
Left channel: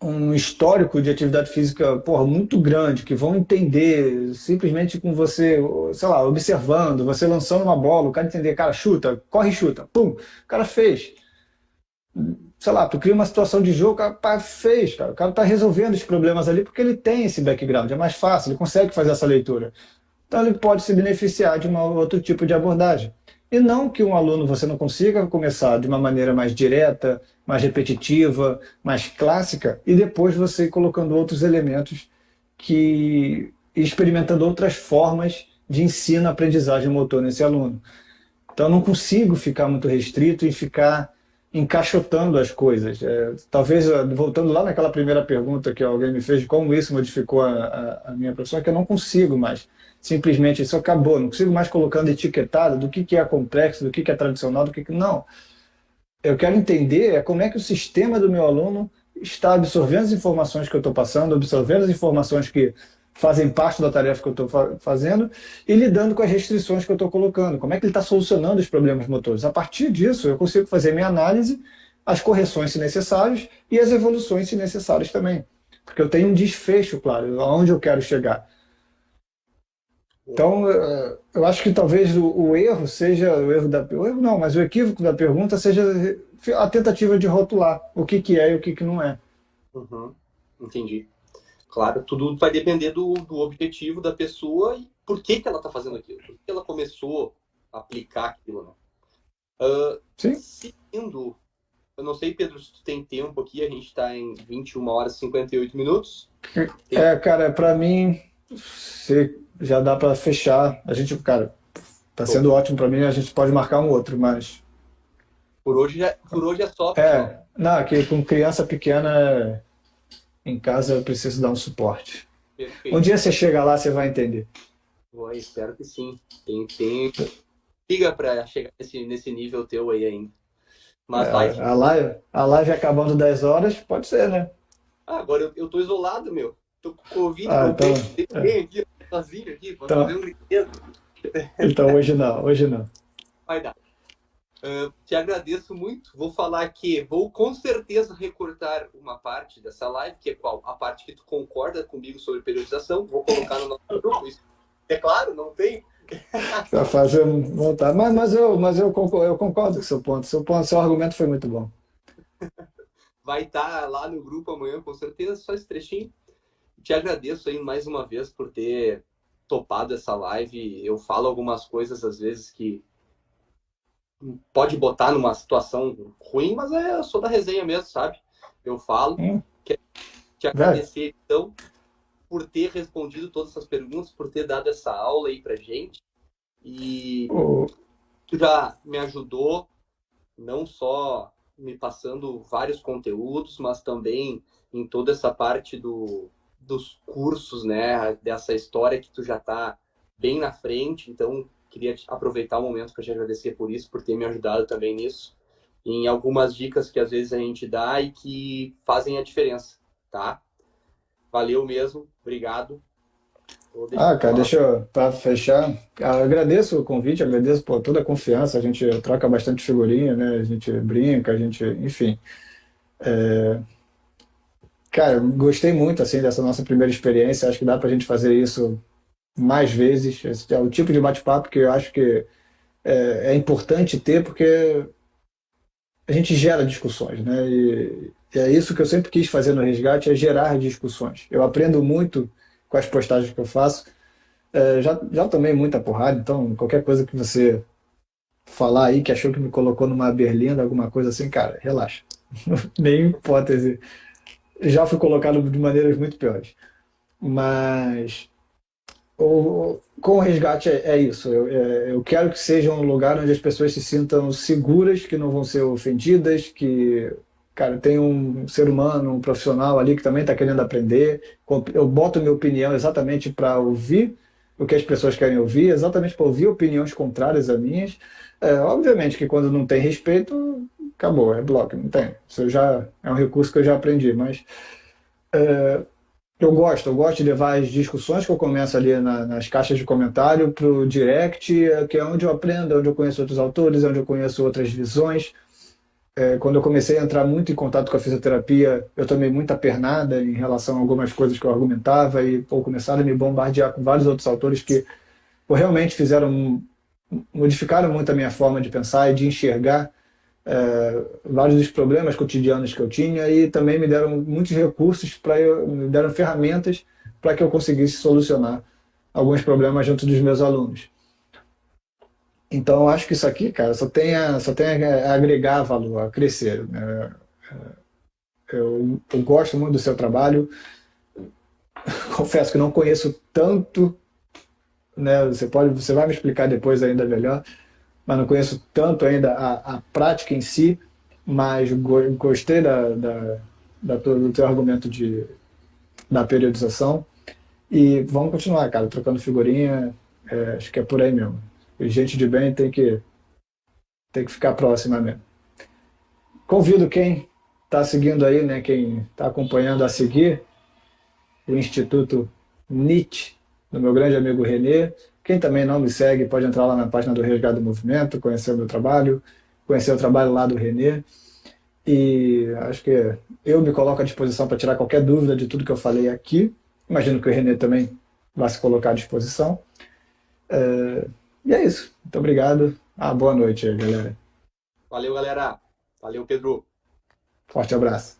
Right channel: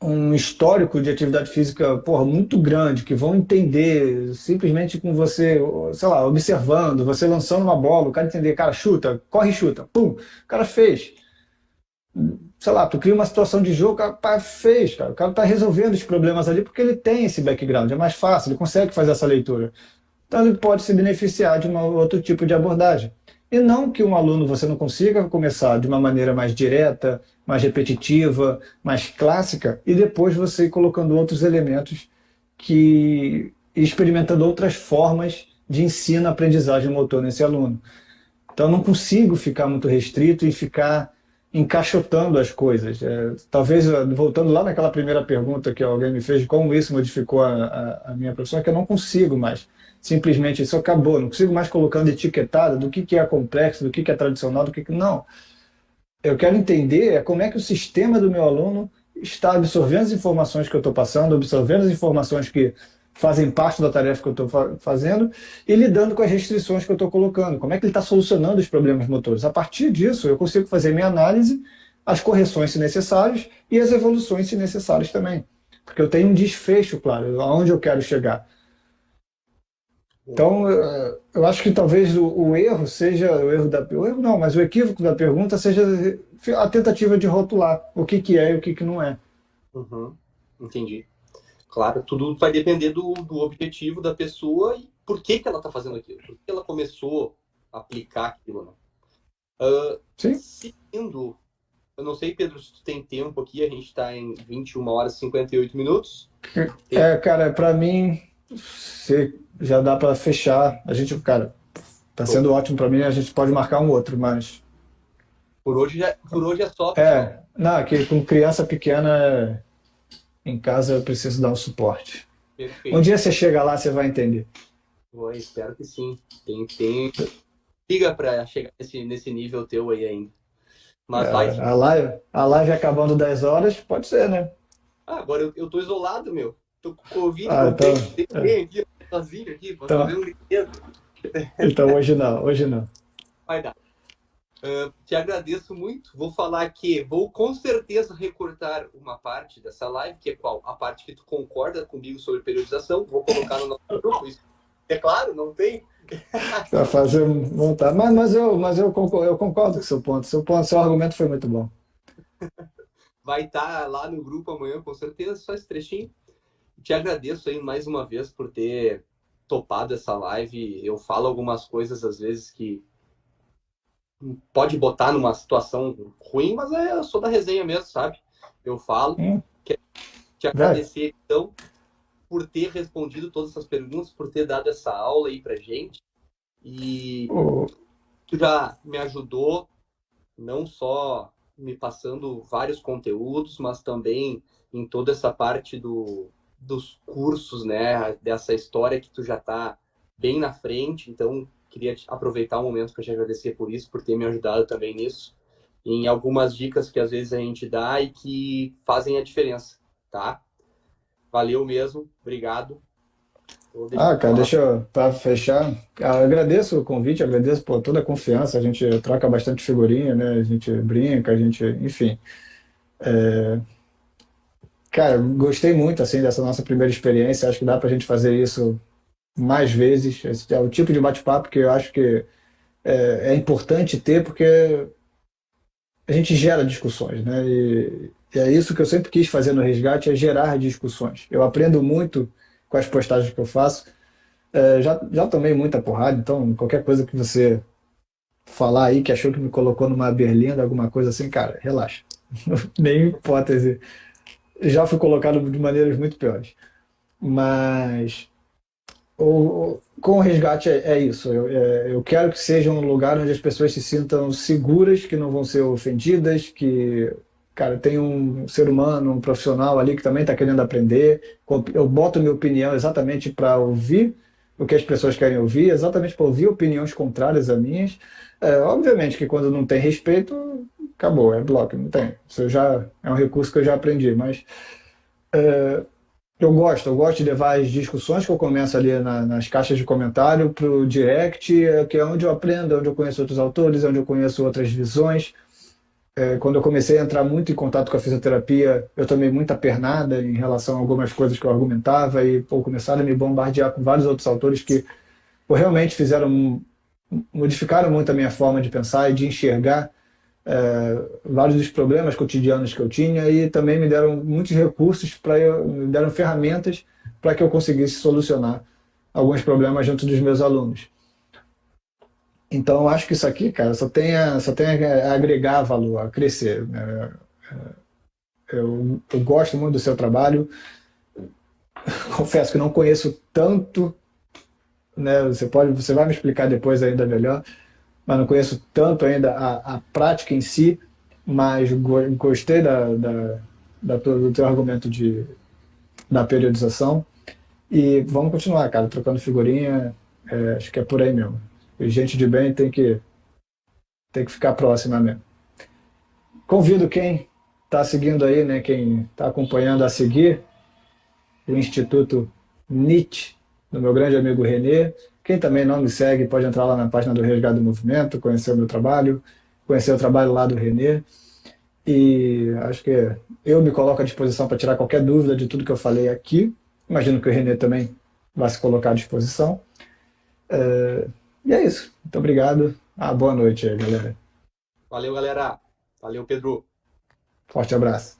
um histórico de atividade física, porra, muito grande, que vão entender simplesmente com você, sei lá, observando, você lançando uma bola, o cara entender, cara, chuta, corre e chuta, pum, o cara fez. Sei lá, tu cria uma situação de jogo, o cara pá, fez, cara. O cara tá resolvendo os problemas ali porque ele tem esse background, é mais fácil, ele consegue fazer essa leitura. Então ele pode se beneficiar de um outro tipo de abordagem. E não que um aluno você não consiga começar de uma maneira mais direta, mais repetitiva, mais clássica, e depois você ir colocando outros elementos que e experimentando outras formas de ensino-aprendizagem motor nesse aluno. Então, eu não consigo ficar muito restrito e ficar encaixotando as coisas. Talvez, voltando lá naquela primeira pergunta que alguém me fez de como isso modificou a minha profissão, é que eu não consigo mais. Simplesmente isso acabou. Não consigo mais colocando etiquetada do que é complexo, do que é tradicional, do que. Não. Eu quero entender como é que o sistema do meu aluno está absorvendo as informações que eu estou passando, absorvendo as informações que fazem parte da tarefa que eu estou fazendo e lidando com as restrições que eu estou colocando. Como é que ele está solucionando os problemas motores? A partir disso, eu consigo fazer minha análise, as correções se necessárias e as evoluções se necessárias também. Porque eu tenho um desfecho, claro, aonde eu quero chegar. Então, eu acho que talvez o erro seja, o erro não, mas o equívoco da pergunta seja a tentativa de rotular o que é e o que não é. Uhum, entendi. Claro, tudo vai depender do objetivo da pessoa e por que ela está fazendo aquilo, por que ela começou a aplicar aquilo, né? Sim? Seguindo, eu não sei, Pedro, se tu tem tempo aqui, a gente está em 21 horas e 58 minutos. Cara, para mim, se já dá para fechar. A gente, cara, tá sendo ótimo para mim, a gente pode marcar um outro, mas Por hoje é só, pessoal. não, que com criança pequena em casa eu preciso dar um suporte. Um Perfeito. dia você chega lá, você vai entender. Espero que sim. Tem liga para chegar nesse nível teu aí ainda. Mas vai. A live acabando 10 horas, pode ser, né? Agora eu tô isolado, meu. Tô com Covid, Ah, não então, tem ninguém aqui, sozinho aqui, pra então, fazer um brinquedo. então hoje não, hoje não. Vai dar. Te agradeço muito. Vou falar que vou com certeza recortar uma parte dessa live, que é qual? A parte que tu concorda comigo sobre periodização. Vou colocar no nosso grupo. Isso, é claro, não tem. Para fazer vontade. Mas eu concordo com o seu ponto. Seu argumento foi muito bom. Vai estar lá no grupo amanhã, com certeza, só esse trechinho. Te agradeço aí mais uma vez por ter topado essa live. Eu falo algumas coisas às vezes que pode botar numa situação ruim, mas eu sou da resenha mesmo, sabe? Eu falo. Quero te Vai. agradecer, então, por ter respondido todas essas perguntas, por ter dado essa aula aí pra gente. E O- tu já me ajudou, não só me passando vários conteúdos, mas também em toda essa parte dos cursos, né? Dessa história que tu já tá bem na frente. Então, queria aproveitar o momento para te agradecer por isso, por ter me ajudado também nisso. Em algumas dicas que às vezes a gente dá e que fazem a diferença. tá? Valeu mesmo, obrigado. Vou deixar Cara, deixa eu, para fechar, agradeço o convite, agradeço por toda a confiança, a gente troca bastante figurinha, né? A gente brinca, a gente, enfim. Cara, gostei muito, assim, dessa nossa primeira experiência, acho que dá pra gente fazer isso mais vezes. Esse é o tipo de bate-papo que eu acho que é importante ter, porque a gente gera discussões, né? E é isso que eu sempre quis fazer no Resgate, é gerar discussões. Eu aprendo muito com as postagens que eu faço. Já tomei muita porrada, então qualquer coisa que você falar aí que achou que me colocou numa berlinda, alguma coisa assim, cara, relaxa. Nem hipótese. Já fui colocado de maneiras muito piores. Mas com o resgate é isso. Eu quero que seja um lugar onde as pessoas se sintam seguras, que não vão ser ofendidas, que, cara, tem um ser humano, um profissional ali que também está querendo aprender. Eu boto minha opinião exatamente para ouvir o que as pessoas querem ouvir, exatamente para ouvir opiniões contrárias a minhas. Obviamente que quando não tem respeito, acabou, é bloco, não tem. Isso já é um recurso que eu já aprendi, mas eu gosto de levar as discussões que eu começo ali nas caixas de comentário para o direct, que é onde eu aprendo, onde eu conheço outros autores, onde eu conheço outras visões. Quando eu comecei a entrar muito em contato com a fisioterapia, eu tomei muita pernada em relação a algumas coisas que eu argumentava e começaram a me bombardear com vários outros autores que realmente modificaram muito a minha forma de pensar e de enxergar vários dos problemas cotidianos que eu tinha e também me deram muitos recursos me deram ferramentas para que eu conseguisse solucionar alguns problemas junto dos meus alunos. Então, eu acho que isso aqui, cara, só tem a agregar valor, a crescer, né? Eu gosto muito do seu trabalho. Confesso que não conheço tanto, né? Você vai me explicar depois ainda melhor, mas não conheço tanto ainda a prática em si, mas gostei do teu argumento da periodização. E vamos continuar, cara, trocando figurinha. Acho que é por aí mesmo. E gente de bem tem que ficar próxima mesmo. Convido quem está seguindo aí, né, quem está acompanhando a seguir o Instituto NIT, do meu grande amigo Renê. Quem também não me segue pode entrar lá na página do Resgate do Movimento, conhecer o meu trabalho, conhecer o trabalho lá do Renê. E acho que eu me coloco à disposição para tirar qualquer dúvida de tudo que eu falei aqui. Imagino que o Renê também vai se colocar à disposição. E é isso. Muito obrigado. Boa noite aí, galera. Valeu, galera. Valeu, Pedro. Forte abraço.